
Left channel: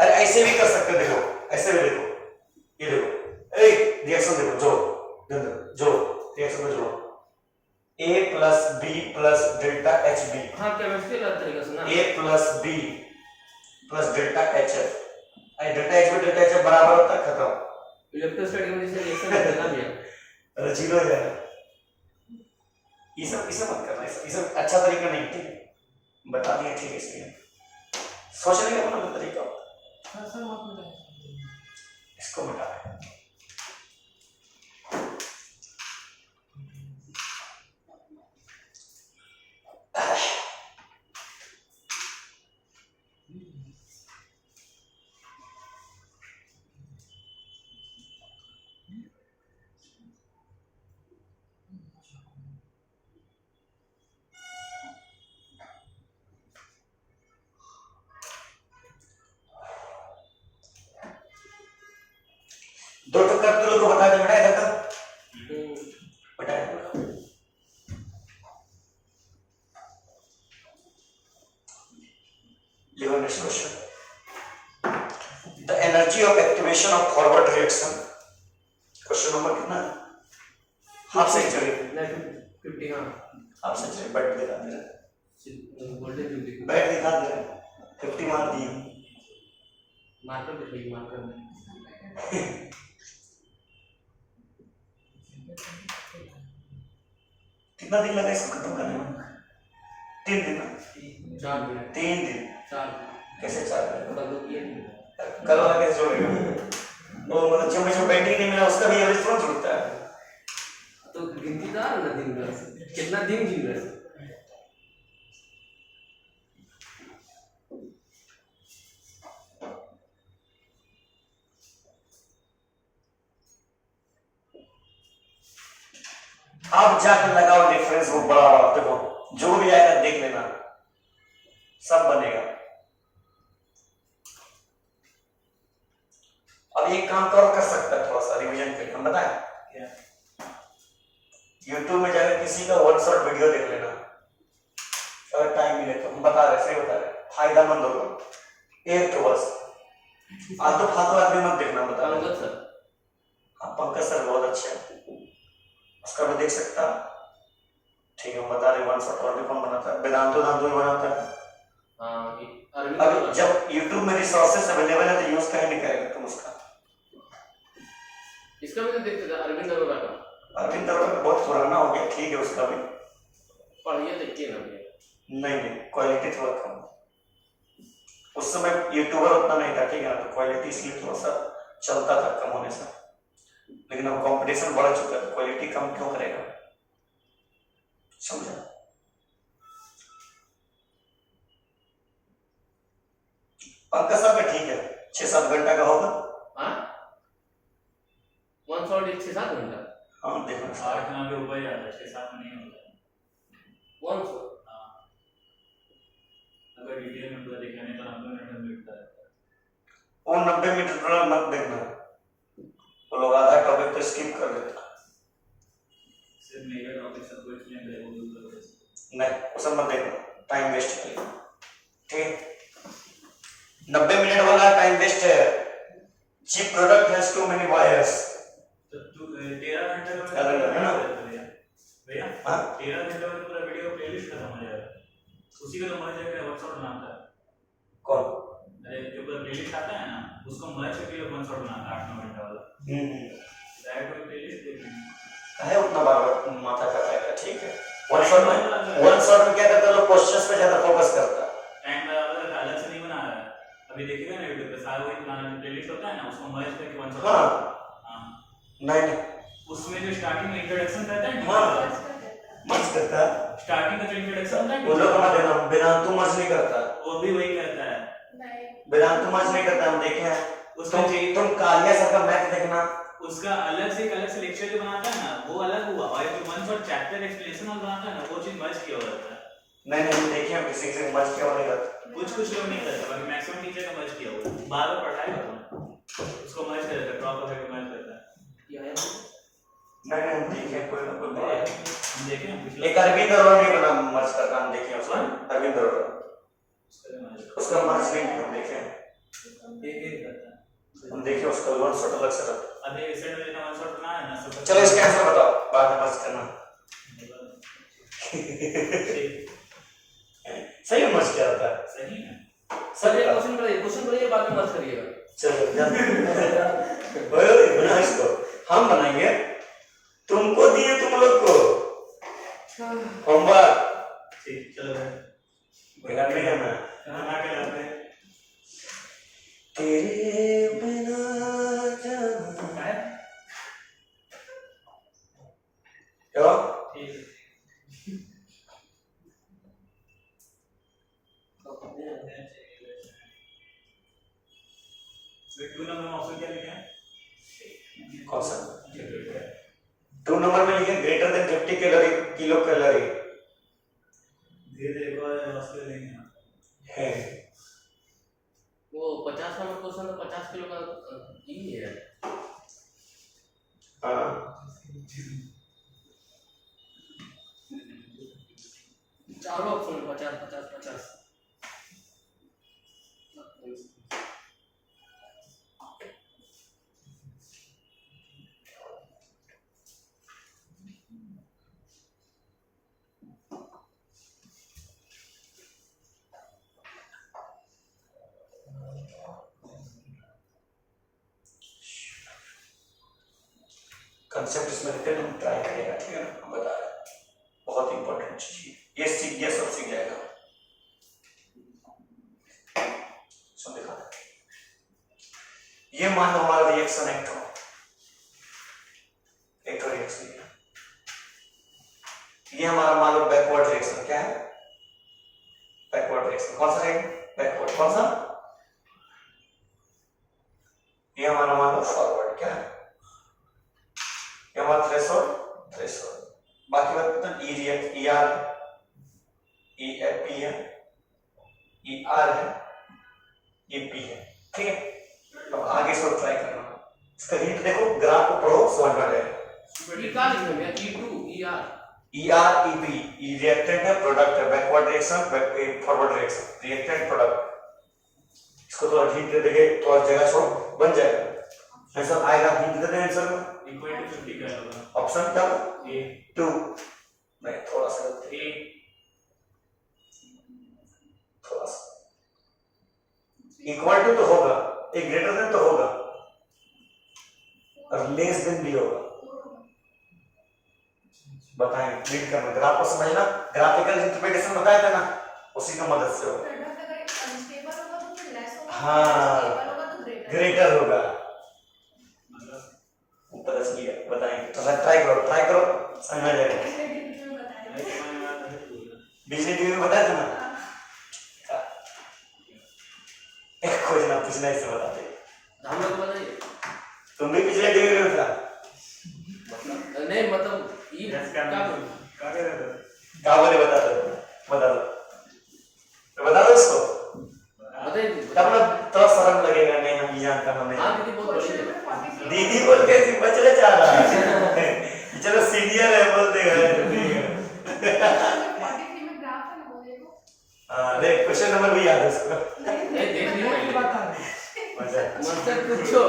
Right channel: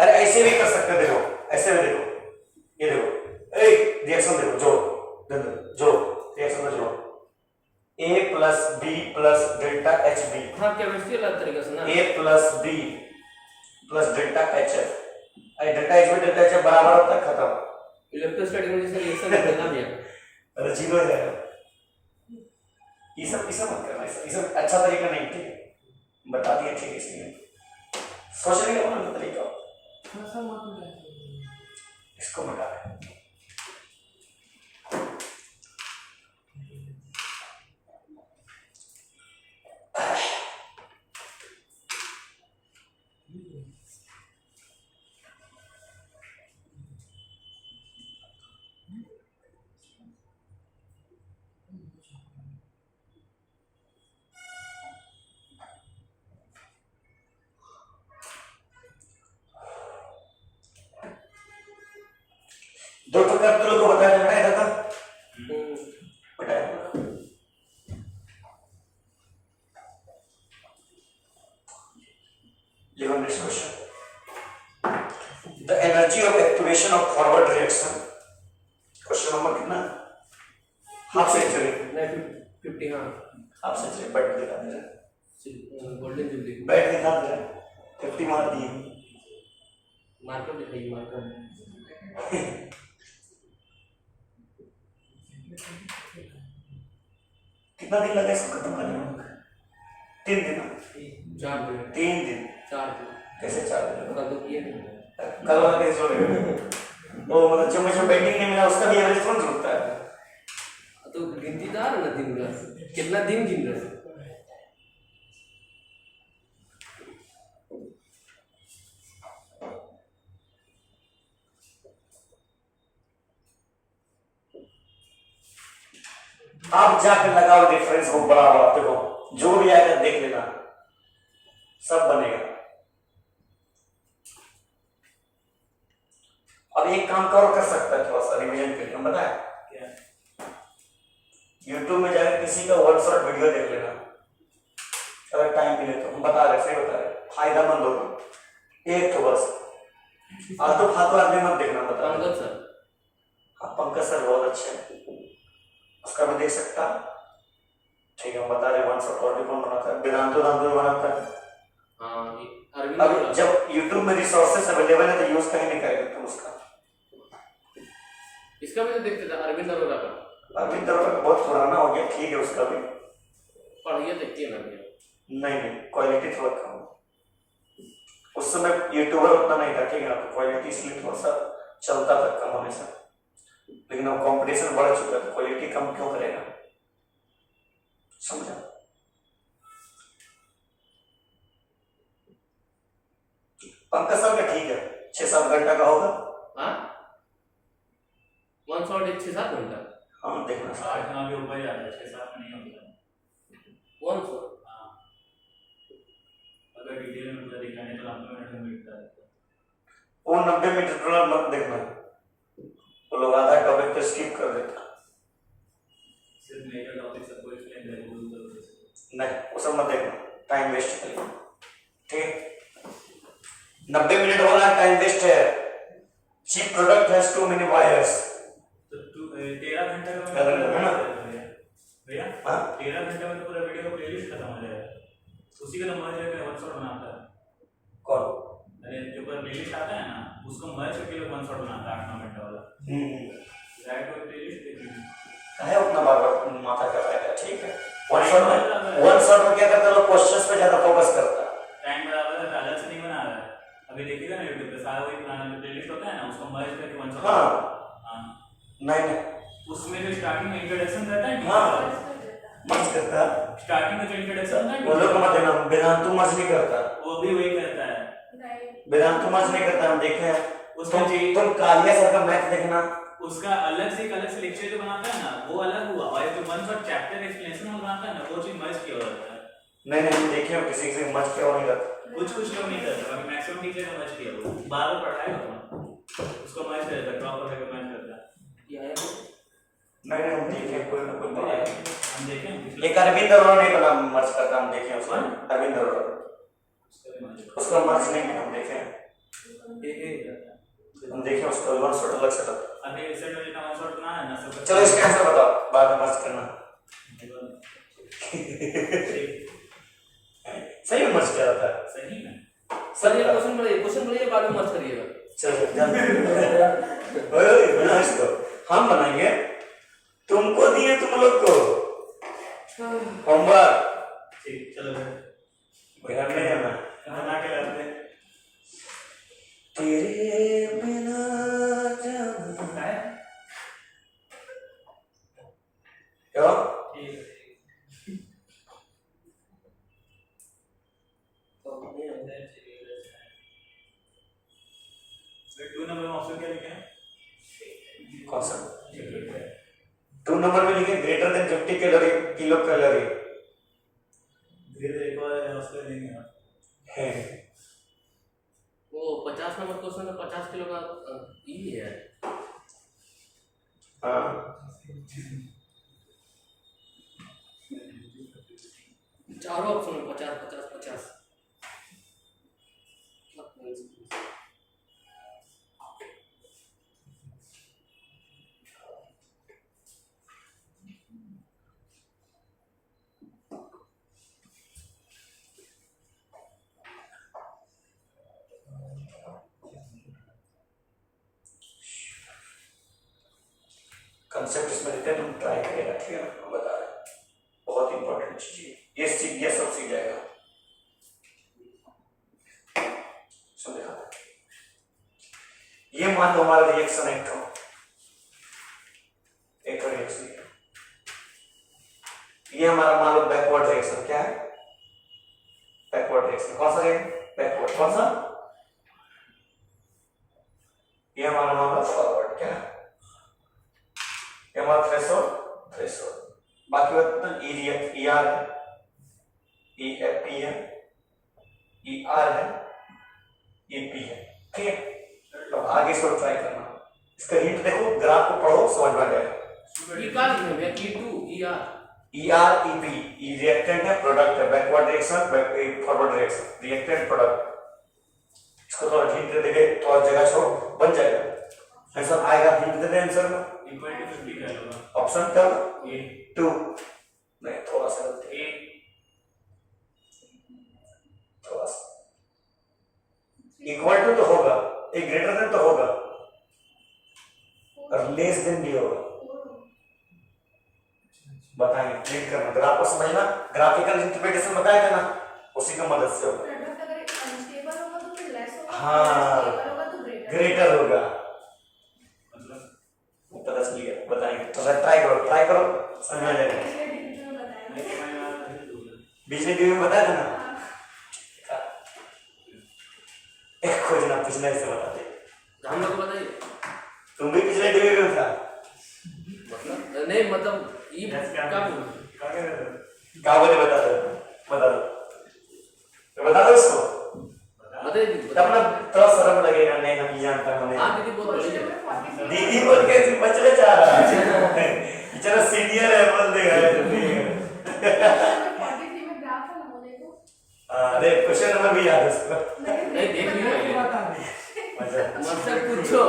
अरे ऐसे भी कर सकते हैं, देखो ऐसे भी देखो, ये देखो, ए रिएक्शन देखो, जोड़ जोड़, रिएक्शन में जोड़ो, a plus b plus delta H B. हाँ केमिस्ट्री अलग तरीके से ना, a plus b plus delta H F, I delta H B delta H F बराबर होता है, खत्म। इलेक्ट्रोस्टैटिक में जैसे रिएक्शन करना भी है, अरे जीरो हो जाएगा। ये सब मत करना, ये सब अच्छा तरीका नहीं, ठीक है? बता दिया, ठीक है? इसलिए सोचने का अपना तरीका होता है। सर मत मिटाइए। इसको मिटा है। दो तो कर दो, तो बता देना इधर का बताया। लिवन next question, the energy of activation of forward reaction, question number कितना? Half century, 50। हाँ हाफ सेंचुरी बैठ दिखा दे रहा, गोल्डन जुबली बैठ दिखा दे रहा, 50 मार दिए। मार्कर दिखाइए, मार्कर कितना दिन लगा इसको खत्म करने में? 3 दिन ना? 4 दिन, 3 दिन। 4 दिन कैसे 4 दिन? कल किए कल वाला कैसे जोड़ेगा? वो मतलब जब मुझे बैटिंग नहीं मिला, उसका भी एवरेज कौन जोड़ता है? तो गिनती तो आ रहा ना दिन का, कितना दिन गिन रहे हैं? आप जाकर लगाओ डिफरेंस, वो बराबर, देखो जो भी आएगा देख लेना, सब बनेगा। अब एक काम करो, कर सकता है थोड़ा सा रिवीजन करके, हम बताएं? YouTube में जाकर किसी का 1 शॉट वीडियो देख लेना, अगर टाइम मिले तो। हम बता रहे, सही बता रहे, फायदेमंद होगा। एक तो बस आलतू फालतू आदमी मत देखना, बता रहे। पंकज सर, हाँ पंकज सर बहुत अच्छे हैं, उसका भी देख सकता, ठीक है? हम बता रहे 1 शॉट और भी कौन बनाता है? वेदांतो दांतो भी बनाता है। हाँ अब जब YouTube में रिसोर्सेस अवेलेबल है तो यूज कहीं नहीं करेगा तुम उसका। इसका भी तो देखते थे, अरविंद अरोड़ा का। अरविंद अरोड़ा का बहुत पुराना हो गया, ठीक है उसका भी पढ़िए, देखिए ना भैया। नहीं, क्वालिटी थोड़ा कम। उस समय यूट्यूबर उतना नहीं था, ठीक है ना? तो क्वालिटी इसलिए थोड़ा सा चलता था कम होने से, लेकिन अब कंपटीशन बढ़ चुका है, क्वालिटी कम क्यों करेगा? समझा? पंकज साहब का ठीक है, 6-7 घंटा का होगा। हाँ 1 शॉट 6-7 घंटा। हाँ देखना 8-9 के ऊपर जाता है, 6-7 में नहीं होता। 1 शॉट, हाँ अगर डिटेल में पूरा देखना है तो 90 मिनट में मिलता है। वो 90 मिनट वाला मत देखना, वो लोग आधा टॉपिक तो स्किप कर देता। सिर्फ मेजर टॉपिक सबको एक्सप्लेन करेगा, नहीं वो सब मत देखना, टाइम वेस्ट कर लिया। ठीक, 90 मिनट वाला टाइम वेस्ट है। Cheap product has too many wires. तो तू 13 घंटे में है ना? भैया हाँ 13 घंटे में पूरा वीडियो प्लेलिस्ट खत्म हो जाएगा। उसी का तो मर्ज है वन शॉट बनाता है। कौन? अरे जो पूरा प्लेलिस्ट आता है ना उसको मर्ज करके वन शॉट बनाता है 8-9 घंटे वाला। डायरेक्ट कोई प्लेलिस्ट देखनी है उतना बार माथा का फायदा। ठीक है, वन शॉट में क्या करता है लोग, क्वेश्चंस पे ज्यादा फोकस करता है। टाइम बराबर है, अलग से नहीं बना रहा है। अभी देखिएगा ना यूट्यूब पे सारा वही बनाना जो प्लेलिस्ट होता है ना उसको मर्ज करके वन शॉट। हाँ नहीं उसमें जो स्टार्टिंग में इंट्रोडक्शन रहता है हाँ मर्ज करता है। स्टार्टिंग में जो इंट्रोडक्शन होता है वो लोग मत देना, वेदांतु मर्ज नहीं करता, वो भी वही करता है। वेदांतु मर्ज नहीं करता। हम देखे हैं उसका तुम कालिया सर का मैथ देखना, उसका अलग से एक लेक्चर जो बनाता है ना वो अलग हुआ, और जो वन शॉट चैप्टर एक्सप्लेनेशन वाला बनाता है ना वो चीज मर्ज किया हुआ रहता है। नहीं हम देखे हैं किसी से मर्ज किया नहीं करता। कुछ लोग नहीं करते, बाकी मैक्सिमम टीचर का मर्ज किया हुआ बार बार पढ़ाएगा उसको मर्ज करता है, ड्रॉप करके मर्ज करता है। ये आया नहीं हम देखे कोई हम देखें एक अरविंद अरोड़ा ने बना मर्ज करता, हम देखे हैं उसका। अरविंद अरोड़ा उसका मर्ज नहीं हम देखे हैं, हम देखे उसका वन शॉट अलग से। अभी सेट में जितना वन शॉट ना है ना सब। चलो इसके आंसर बताओ, बाद में मर्ज करना। सही में मर्ज क्या होता है? सही है सर ये क्वेश्चन बनाइए बाद में मत करिएगा। चलो बना इसको, हम बनाएंगे, तुमको दिए तुम लोग को होमवर्क। ठीक चलो भैया नहीं करना, बना के लाते हैं। तेरे बिना जाना क्या ठीक है तो 2 नंबर में ऑप्शन क्या लिखा है? कौन सा? 2 नंबर में लिखे greater than 50 calorie kilo calorie धीरे एक और ऑप्शन लेंगे ना है। वो 50 नंबर क्वेश्चन में 50 किलो का ई है। हाँ चारों ऑप्शन में 50 50 50। कंसेप्ट इसमें लिखते हैं, तुम ट्राई करेगा। ठीक है ना, हम बता रहे हैं, बहुत इंपॉर्टेंट चीज है ये, सीख गया सब सीख जाएगा। सुन देखा, ये मान लो हमारा रिएक्शन एक रिएक्शन, ये हमारा मान लो बैकवर्ड रिएक्शन। क्या है? Backward reaction. कौन सा रहेगा? बैकवर्ड। कौन सा? ये हमारा मान लो फॉरवर्ड। क्या है? ये हमारा थ्रेशोल्ड। बाकी बता ई आर ई एफ पी है, ई आर है, ई पी है। ठीक है, अब आगे इसको ट्राई करना। इसका हिंट देखो, ग्राफ को पढ़ो, समझ में आ जाएगा। ई का लिखना है E2 E R E P. E reactant है, प्रोडक्ट है, backward reaction, forward reaction, reactant product. इसको थोड़ा हिंट दे देंगे तो और जगह छोड़ बन जाएगा। आंसर आएगा, हिंट दे दें आंसर में। इक्वल टू 50 कर लो ऑप्शन क्या? ए 2 नहीं, थोड़ा सा गलती, ए थोड़ा सा। इक्वल टू तो होगा, एक ग्रेटर देन तो होगा, और लेस देन भी होगा। बताएंगे, प्रिंट करना, ग्राफ को समझना, ग्राफिकल इंटरप्रिटेशन बताएगा ना, उसी का मदद से होगा। प्रोडक्ट अगर अनस्टेबल होगा तो फिर लेस होगा, हाँ, स्टेबल होगा तो ग्रेटर होगा। मतलब पता चल गया, बताएंगे। तो ट्राई करो, समझ में आ जाएगा। पिछले डिवीजन में बताया नहीं मैंने बात नहीं बोला बिजली टीवी में बताया था ना, हाँ। एक खोजना पिछला हिस्सा बताते। हम लोग बताइए। तुम भी पिछले टीवी में था, मतलब नहीं, मतलब ई यस क्या क्या बोल कर रहे हो? क्या बोले? बता दो तो बता दो इसको, बताइए। तब ना थोड़ा शर्म लगेगा। नहीं हम ये जानता हमें। हां दीदी बहुत बड़ी क्वेश्चन है। नंबर 43 दीदी बोल के ऐसे बचने चाह रहा है। चलो सीनियर है, बोल देगा। क्वेश्चन नंबर 43 अरे क्वेश्चन नंबर भी याद है उसको। नहीं देख ली पहले बता रहे मजा मुझसे पूछो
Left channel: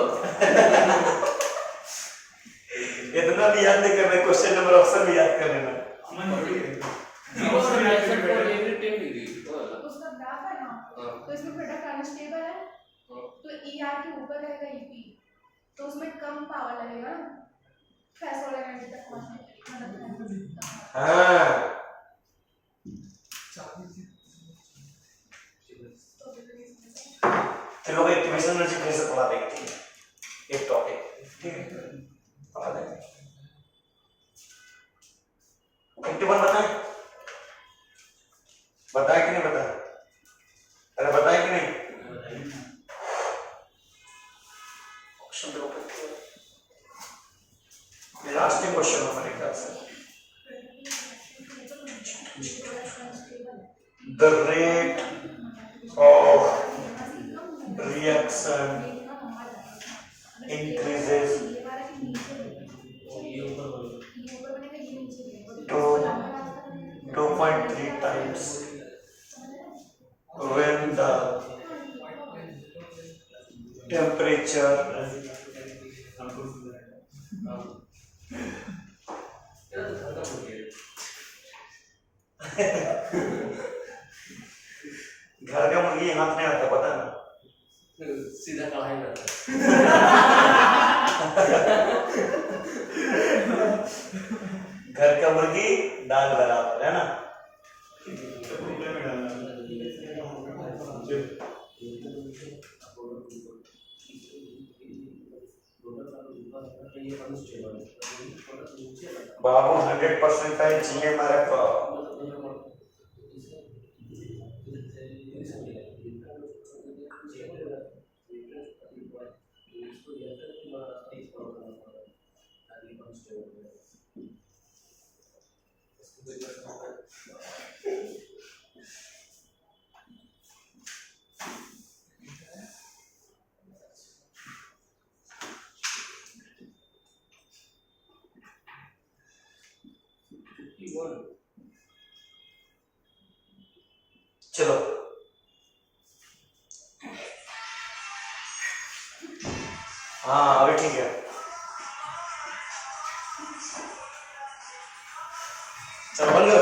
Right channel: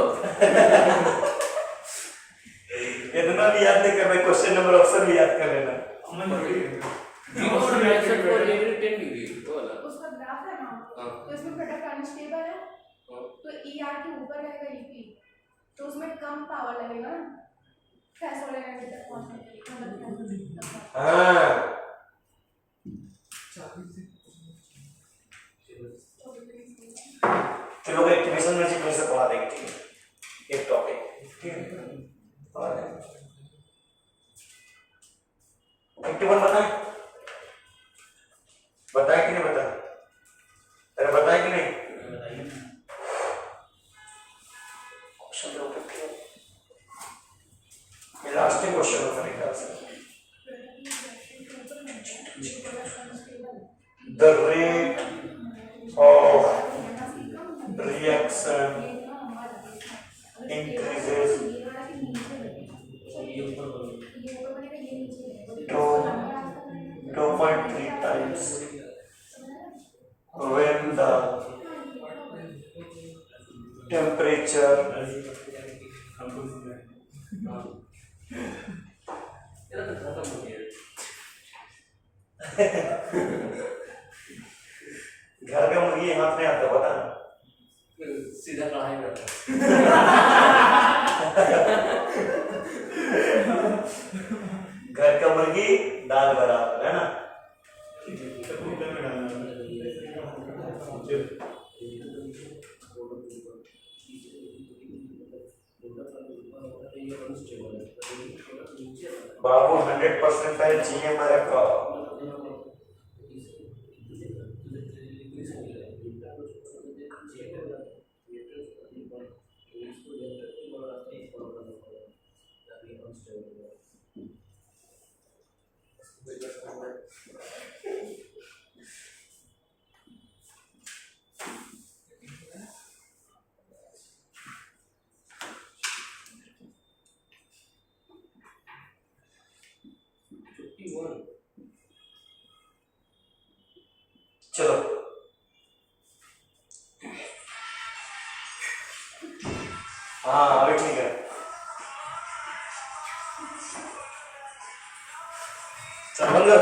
इतना भी याद नहीं करना, क्वेश्चन नंबर ऑप्शन भी याद कर लेना। अमन थोड़ी है। 0.65 for every 10 डिग्री वो वाला उसका ग्राफ है ना, हाँ। तो इसमें प्रोडक्ट अनस्टेबल है, हाँ। तो ER के ऊपर रहेगा EP, तो उसमें कम पावर लगेगा ना थ्रेशोल्ड एनर्जी तक पहुंचने के लिए, मतलब हाँ तो लोग एक्टिवेशन एनर्जी कैसे पढ़ा देंगे, ठीक है, एक टॉपिक, ठीक है, पढ़ा देंगे। एक्टिवन बताएं, बताएं कि नहीं बताएं? अरे बताएं कि नहीं? क्वेश्चन तो ऊपर क्लियर, ये लास्ट क्वेश्चन है मेरे ख्याल से। The rate of reaction increases to 2.3 times when the temperature ये तो खत्म हो गया घर का मुर्गी हाथ नहीं आता, पता ना। सीधा कढ़ाई में आता घर का मुर्गी दाल बराबर है ना। सब कुकर में डालना है। बाबू 100% है GMRF का। चलो हाँ अभी ठीक है। चलो बंद कर।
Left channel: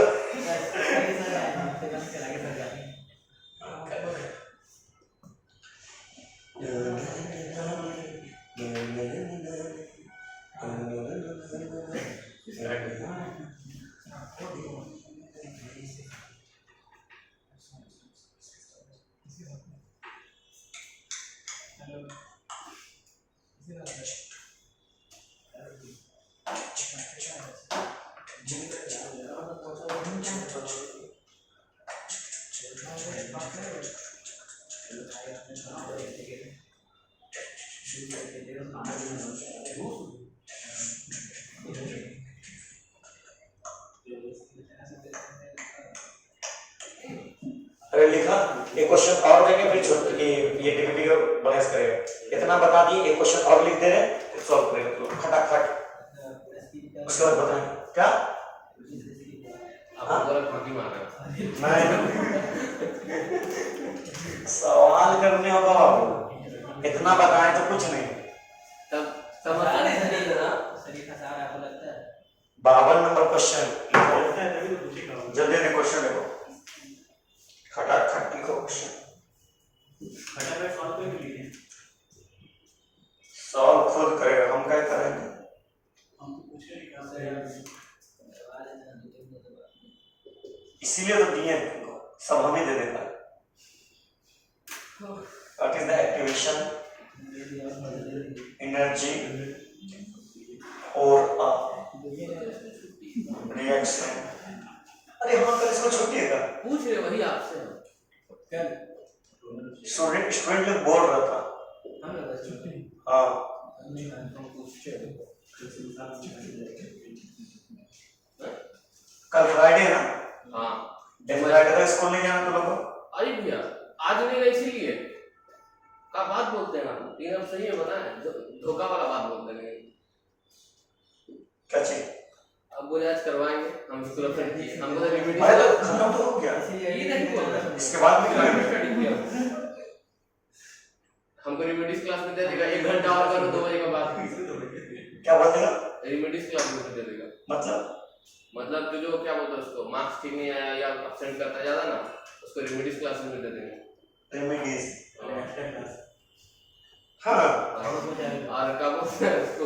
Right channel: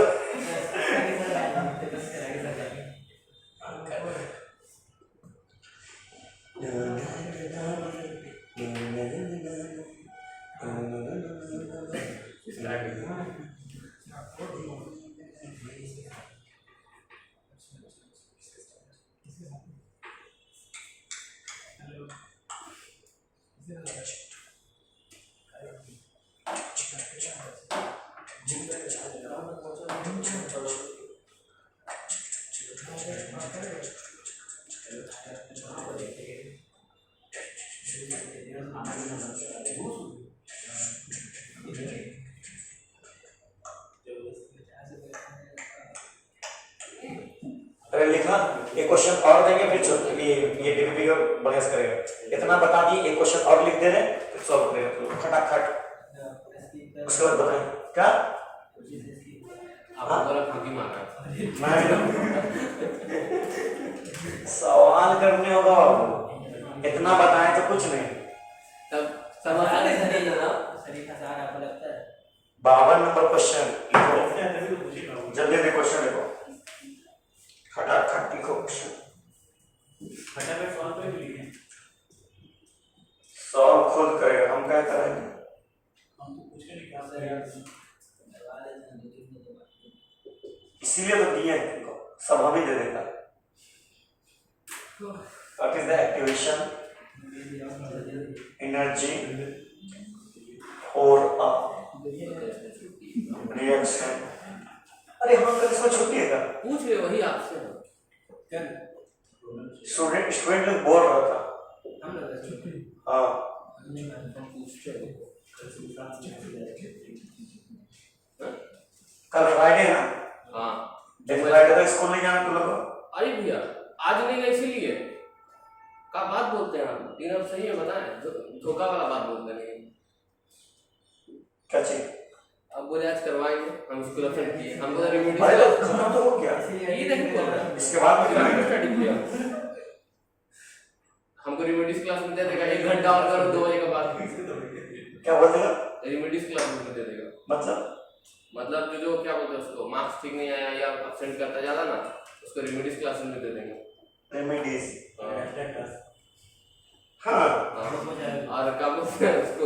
अरे लिखना, एक क्वेश्चन और देंगे फिर छोड़ ये वीडियो बहस करेगा। इतना बता दिए, एक क्वेश्चन और लिख दे रहे हैं फिर सॉल्व करेगा, तो खटाखट उसके बाद बताएं क्या। आप बोला फांकी मारा नहीं सवाल करने होगा बाबू, इतना बताएं तो कुछ नहीं। तब समझ नहीं ना 52 नंबर क्वेश्चन, ऐसा है तभी तो पूछेगा वो। जल्दी से क्वेश्चन लिखो, खटाखट लिखो क्वेश्चन। फटाफट सॉल्व करके लिखें। सॉल्व खुद करेगा, हम क्या करेंगे। हम तो पूछ के निकाल रहे हैं। इसीलिए तो दिए हैं तुमको, सब हम ही दे देगा। What is the activation energy for a reaction? अरे हाँ कल इसको छुट्टी है क्या? पूछ रहे वही आपसे स्टूडेंट लोग बोल रहा था। हाँ कल फ्राइडे ना, हाँ फ्राइडे तक स्कूल नहीं जाना तुम लोग को? अरे भैया आज नहीं गए इसीलिए का बात बोलते हैं हम तीन अब सही है बताएं धोखा वाला बात बोलते हैं क्या चीज? अब बोले आज करवाएंगे, हम स्कूल ऑफ फ्रेंड किए, हमको तो रेमेडी अरे तो खत्म तो हो गया, ये देखो इसके बाद में कराएंगे। स्टडी किया, हमको रेमेडीज क्लास में दे देगा 1 घंटा और करो 2 बजे के बाद, क्या बोलते हैं रेमेडीज क्लास में दे देगा, मतलब जो क्या बोलते हैं उसको, मार्क्स ठीक नहीं आया या एब्सेंट करता ज्यादा ना, उसको रेमेडीज क्लास में दे देंगे। रेमेडीज, हाँ और क्या बोलते हैं उसको,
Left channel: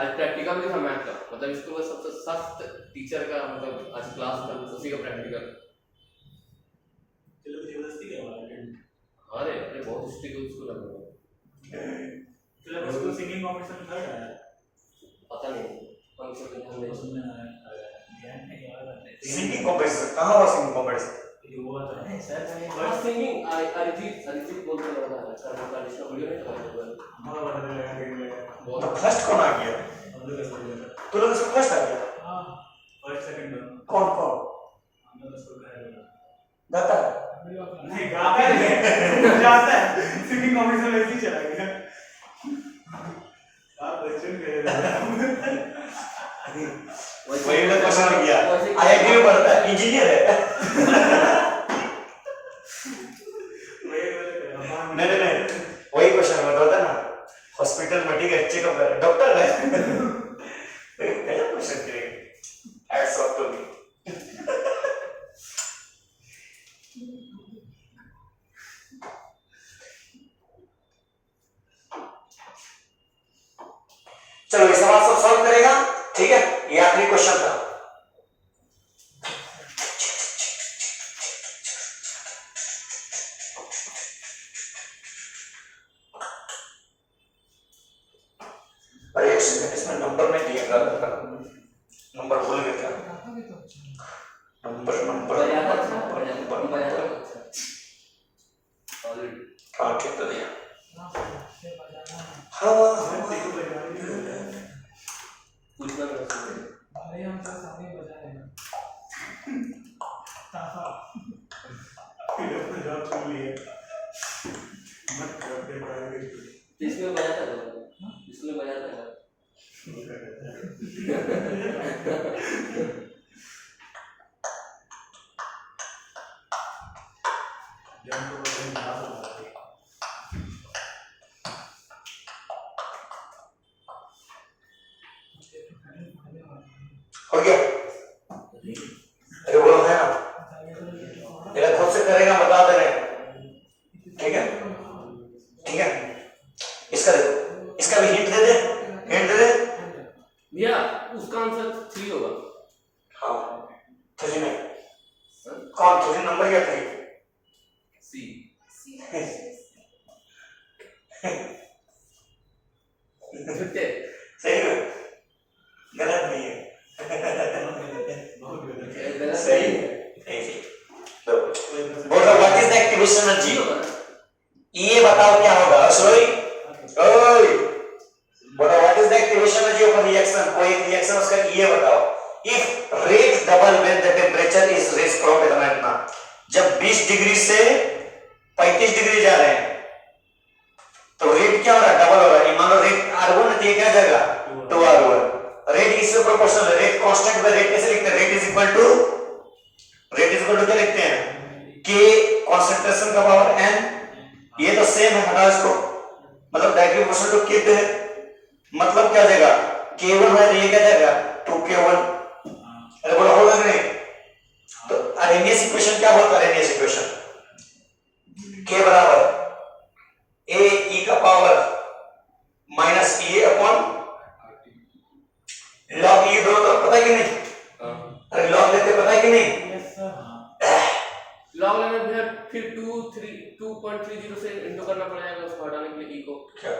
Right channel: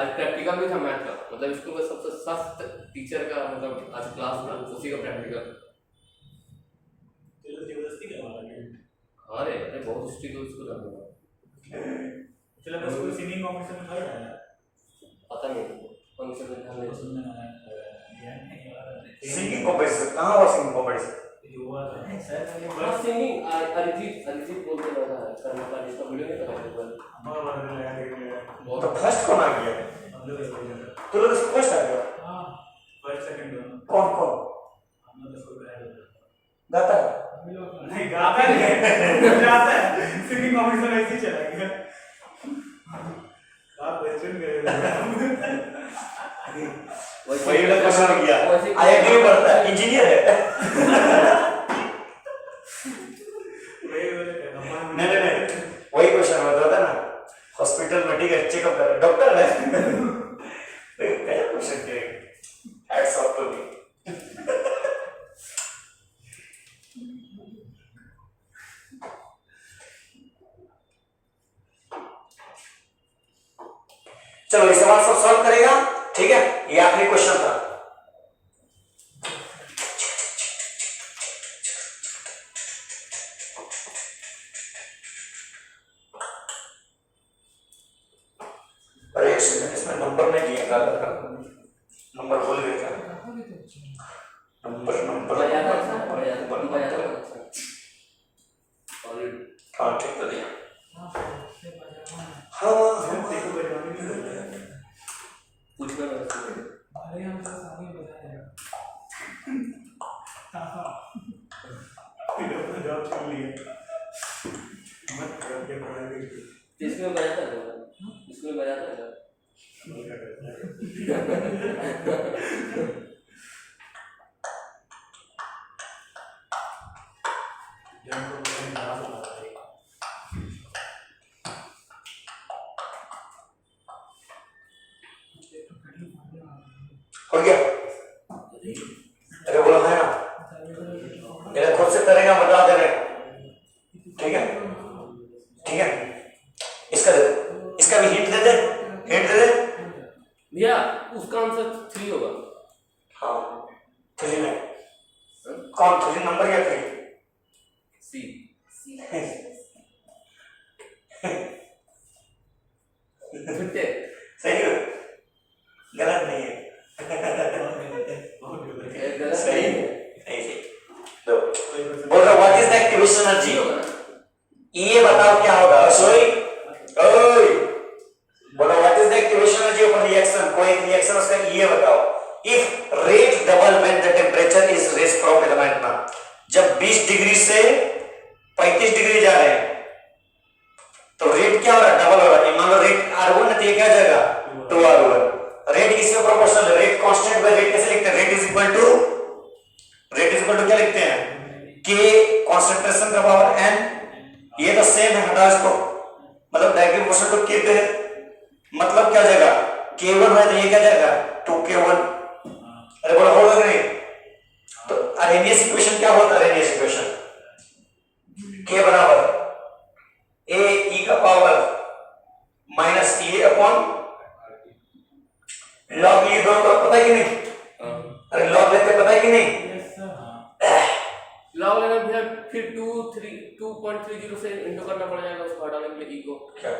आज प्रैक्टिकल भी था मैथ का, मतलब स्कूल का सबसे सख्त टीचर का, मतलब आज क्लास था उसी का प्रैक्टिकल। अरे अरे बहुत स्ट्रिक्ट स्कूल है, सिलेबस को सिंगिंग कंपटीशन में थर्ड आया, पता नहीं फंक्शन में हमने सुनने आया सिंगिंग कंपटीशन कहाँ हुआ? सिंगिंग कंपटीशन ये हुआ था बट सिंगिंग अरिजीत बोलते लगा है का जिसका वीडियो नहीं था हमारा वाला तो बहुत फर्स्ट कौन आ गया? तो लोग इसको फर्स्ट आ गया, हाँ फर्स्ट सेकंड कौन कौन हमने तो उसको कहा गाता है? नहीं गाता नहीं गाता है, सिंगिंग कंपटीशन ऐसे ही चला गया। आप क्वेश्चन गए वही वाला क्वेश्चन आ गया, आईआईटी में पढ़ता है, इंजीनियर है। नहीं, वही क्वेश्चन मैं बताता ना, हॉस्पिटल में ठीक है, चेकअप कर डॉक्टर है, क्या क्वेश्चन करेंगे? Hats off to me. चलो इस सवाल सब सॉल्व करेगा, ठीक है, ये आखिरी क्वेश्चन था। अरे इसमें नंबर नहीं दिया था, नंबर भूल गया था, नंबर हाँ ठीक तो दिया, हाँ पूछना मेरा अरे हम तो सामने बजा देगा ताफा इसमें बजाता है, इसमें बजाता है हो गया? अरे बोलो है ना, मेरा खुद से करेगा, बता दे रहे, ठीक है ठीक है। इसका दे, इसका भी हिंट दे दे, हिंट दे दे। भैया उसका आंसर 3 होगा। हाँ 3 में कौन 3 नंबर या 3? सी छुट्टे सही है, गलत नहीं है, गलत सही नहीं है, तो बोल रहा what is the activation energy? ये बताओ क्या होगा? सॉरी ओए बोलो what is the activation energy of reaction? कोई रिएक्शन उसका ये बताओ। If rate double when the temperature is raise from इतना, जब 20 डिग्री से 35 डिग्री जा रहे हैं तो रेट क्या हो रहा है? डबल हो रहा है। मान लो रेट R1 है तो ये क्या आ जाएगा 2R1। रेट इसमें प्रोपोर्शनल है, रेट कांस्टेंट है, रेट कैसे लिखते हैं? रेट इज इक्वल टू क्या लिखते हैं? K कंसंट्रेशन का पावर n, ये तो सेम है, हटा इसको, मतलब डायरेक्टली प्रोपोर्शनल टू K पे है, मतलब क्या जाएगा? K1 है तो ये क्या जाएगा 2K1। अरे बोला होगा कि नहीं? तो अरेनियस इक्वेशन क्या होता है? अरेनियस इक्वेशन K बराबर A e का power minus E upon log E, दोनों तरफ पता है कि नहीं? अरे log लेते पता है कि नहीं? लॉग लेंगे फिर 2.30 से इंटू करना पड़ेगा उसको हटाने के लिए ई को, क्या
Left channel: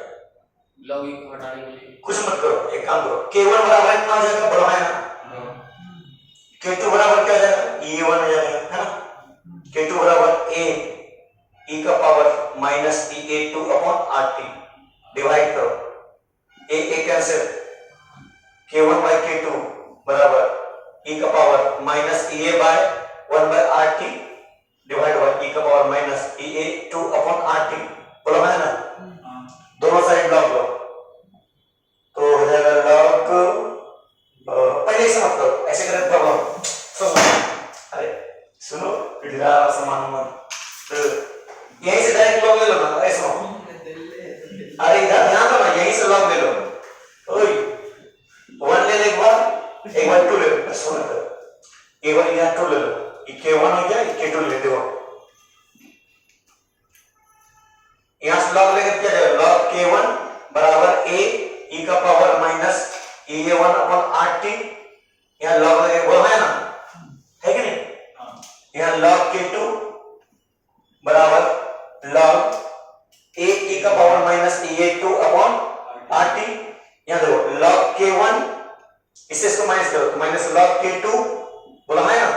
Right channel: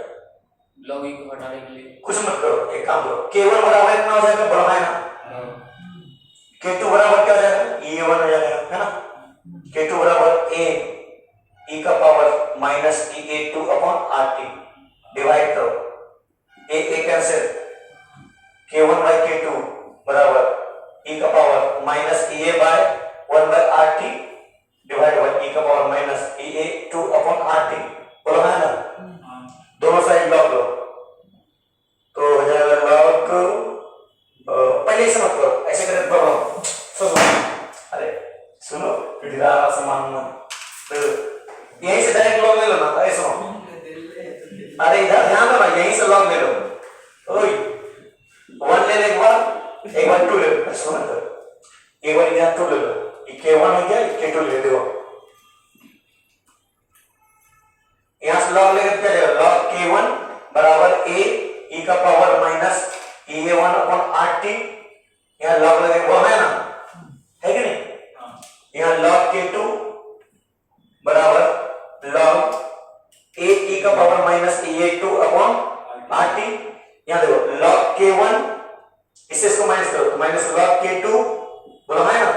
लॉग ई को हटाने के लिए। कुछ मत करो, एक काम करो, K1 बराबर इतना हो जाएगा, बड़ा है ना, K2 बराबर क्या हो जाएगा? E1 हो जाएगा, है ना। K2 बराबर A e का power minus E2 upon RT, divide करो, A cancel, K1 by K2 बराबर e का power minus EA by 1 by RT divide by e का power minus EA2 upon RT, बोलो है ना। दोनों साइड लॉग लो तो हो जाएगा लॉग, पहले से मत करो, कॉमन, तो यहीं से डायरेक्ट लॉग ले लो ना, ऐसा अरे इधर ध्यान दो ना, यहीं से लॉग ले लो। ओए 1 ले लो, एक बार 2 ले लो, सुनो तो एक बार यहाँ 2 ले लो, k1 हो गया, k2 ले दो। यहाँ से लॉग लेकर क्या करें, लॉग k1 बराबर a e का power minus e1 upon rt, यहाँ लॉग लगे वो है ना, है कि नहीं? यहाँ log k2 बराबर log a e का power minus e2 upon rt, यहाँ देखो log k1, इससे इसको माइनस करो तो माइनस log k2 बोला है ना,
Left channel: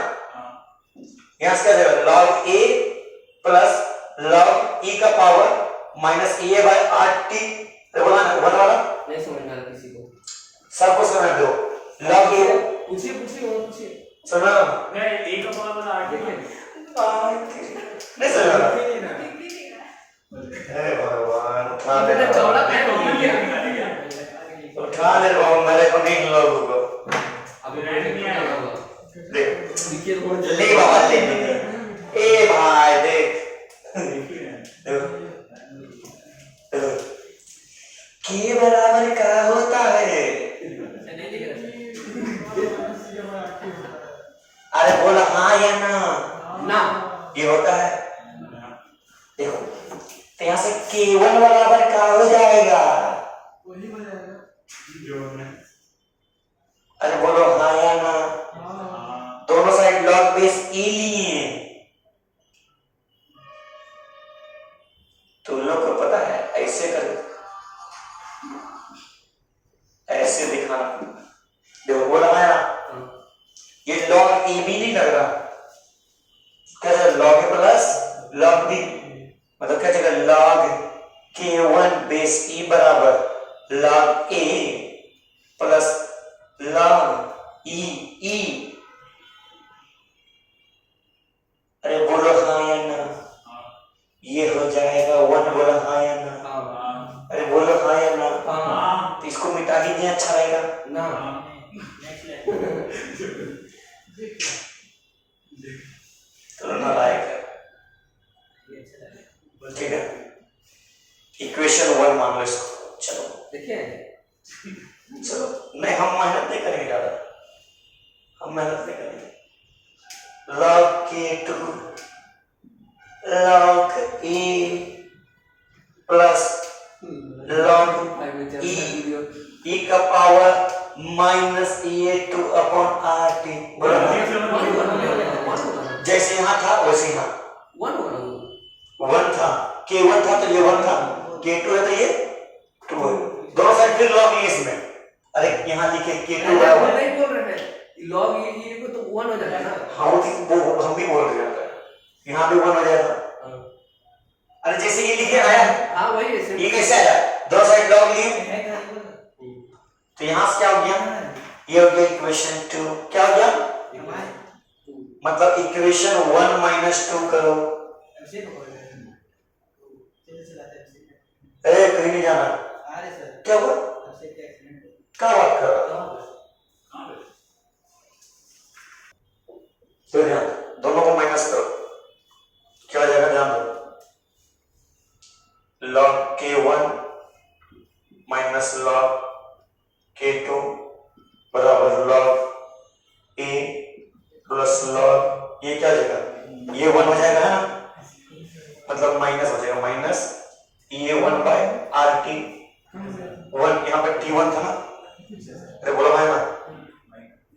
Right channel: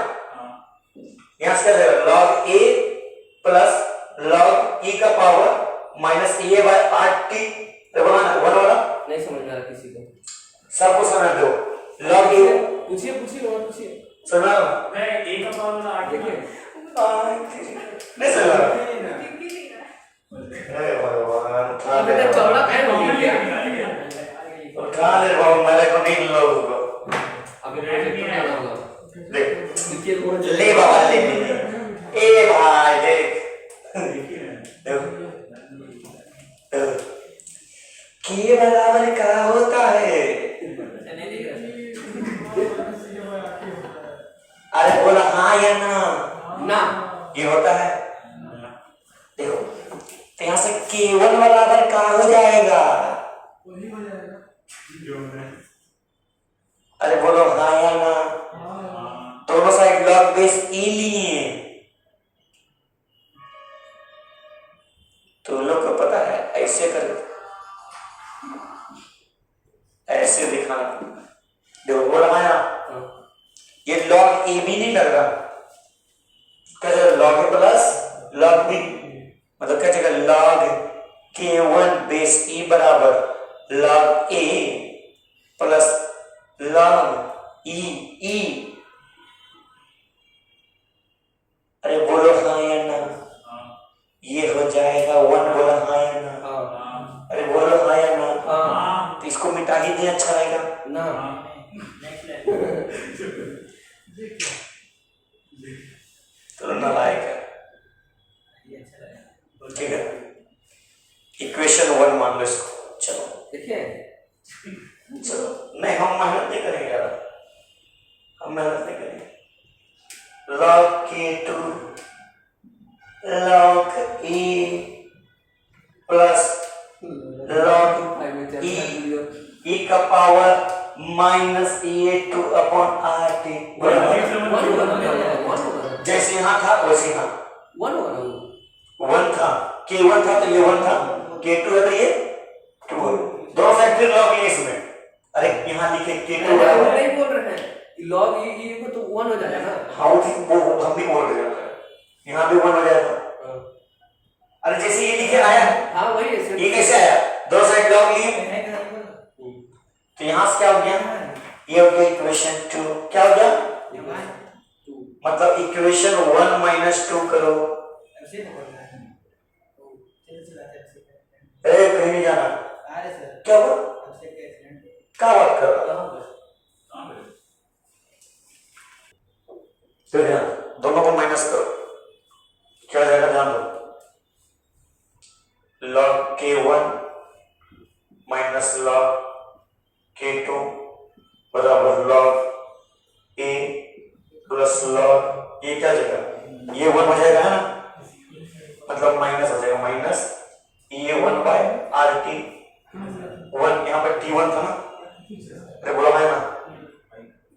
यहाँ से क्या देगा log a plus log e का power minus e by rt, बोला है ना वन वाला, नहीं समझ में आ रहा किसी को, सबको समझ दो log a, पूछिए और पूछिए, समझ रहा हूँ मैं a का पावर वाला आठ देखिए नहीं समझ रहा, अरे भगवान उठा दे इतना चौड़ा है हो गया, उठा दे बाबू, मेरे को नहीं लोगों को अभी प्रोजेक्ट नहीं आया होगा, देख देखिए ले बाबा ले, ए भाई देख के बराबर क्या होता है, नहीं दिख रहा अरे बोला हाँ या ना, ना, ये होता है, देखो तो यहाँ से k1 बराबर क्या हो जाएगा, वही हो जाएगा। अरे बोलो हाँ या ना, दोनों साइड log बेस e लिए, तुम लोग को पता है ऐसे कर, ऐसे दिखाना, देखो बोला है ना, ये log a भी नहीं लग रहा, क्या log a plus log b, मतलब क्या चलेगा log k1 बेस e बराबर log a plus log e, अरे बोलो हाँ या ना, ये हो जाएगा 1, बोला हाँ या ना, अरे बोलो हाँ या ना, तो इसको मिटा ही दे, अच्छा रहेगा ना, तो ना लाएगा, ठीक है, इक्वेशन 1 मान लो इसको, चलो देखिए चलो, नहीं हम मेहनत नहीं करेंगे ज्यादा, हम मेहनत नहीं करेंगे, log k2 log e plus log e का power minus e2 upon rt, जैसे यहाँ था वैसे यहाँ 1 था, k1 था तो ये 1 था, k2 है तो ये 2 है, दोनों साइड फिर लॉग लिए इसमें, अरे यहाँ लिखे k2 बराबर, नहीं बोल रहे हैं लॉग ये को तो 1 हो जाएगा ना, हाँ वो हम भी बोल रहे हैं, यहाँ भी 1 हो जाएगा, अरे जैसे ये लिखे आया, हाँ वही है, ये कैसे आया, दोनों साइड लॉग लिए, तो यहाँ से क्या हो गया, ये हो गया इक्वेशन 2, क्या हो गया, मतलब इक्वेशन 1 माइनस 2 करो, कहीं नहीं जाना, क्या हुआ, क्या बात कर रहा, दोनों को माइनस करो, क्या हो जाएगा, ध्यान दो, log k1 minus log k2 बराबर log a प्लस log, ये क्या हो जाएगा, ये 1 हो जाएगा है ना, मतलब माइनस हो जाएगा, माइनस e1 बाय rt, 1 यहाँ पर t1 था ना, अरे बोला भाई ना,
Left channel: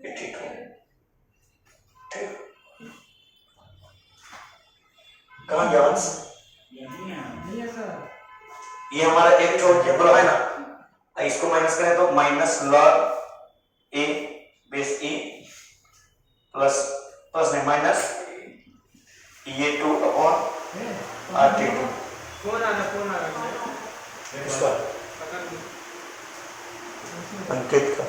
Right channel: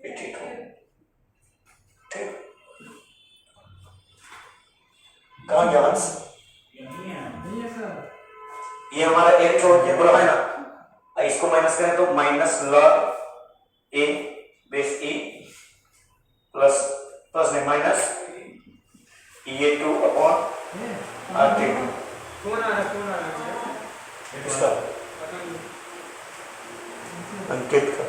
ये t2, ठीक, कहाँ गया अंश, नहीं है सर, ये हमारा एक छोड़ के बोला है ना, इसको माइनस करें तो minus log a base e plus plus नहीं माइनस e2 अपॉन rt2, कौन आ रहा इसका अंकित का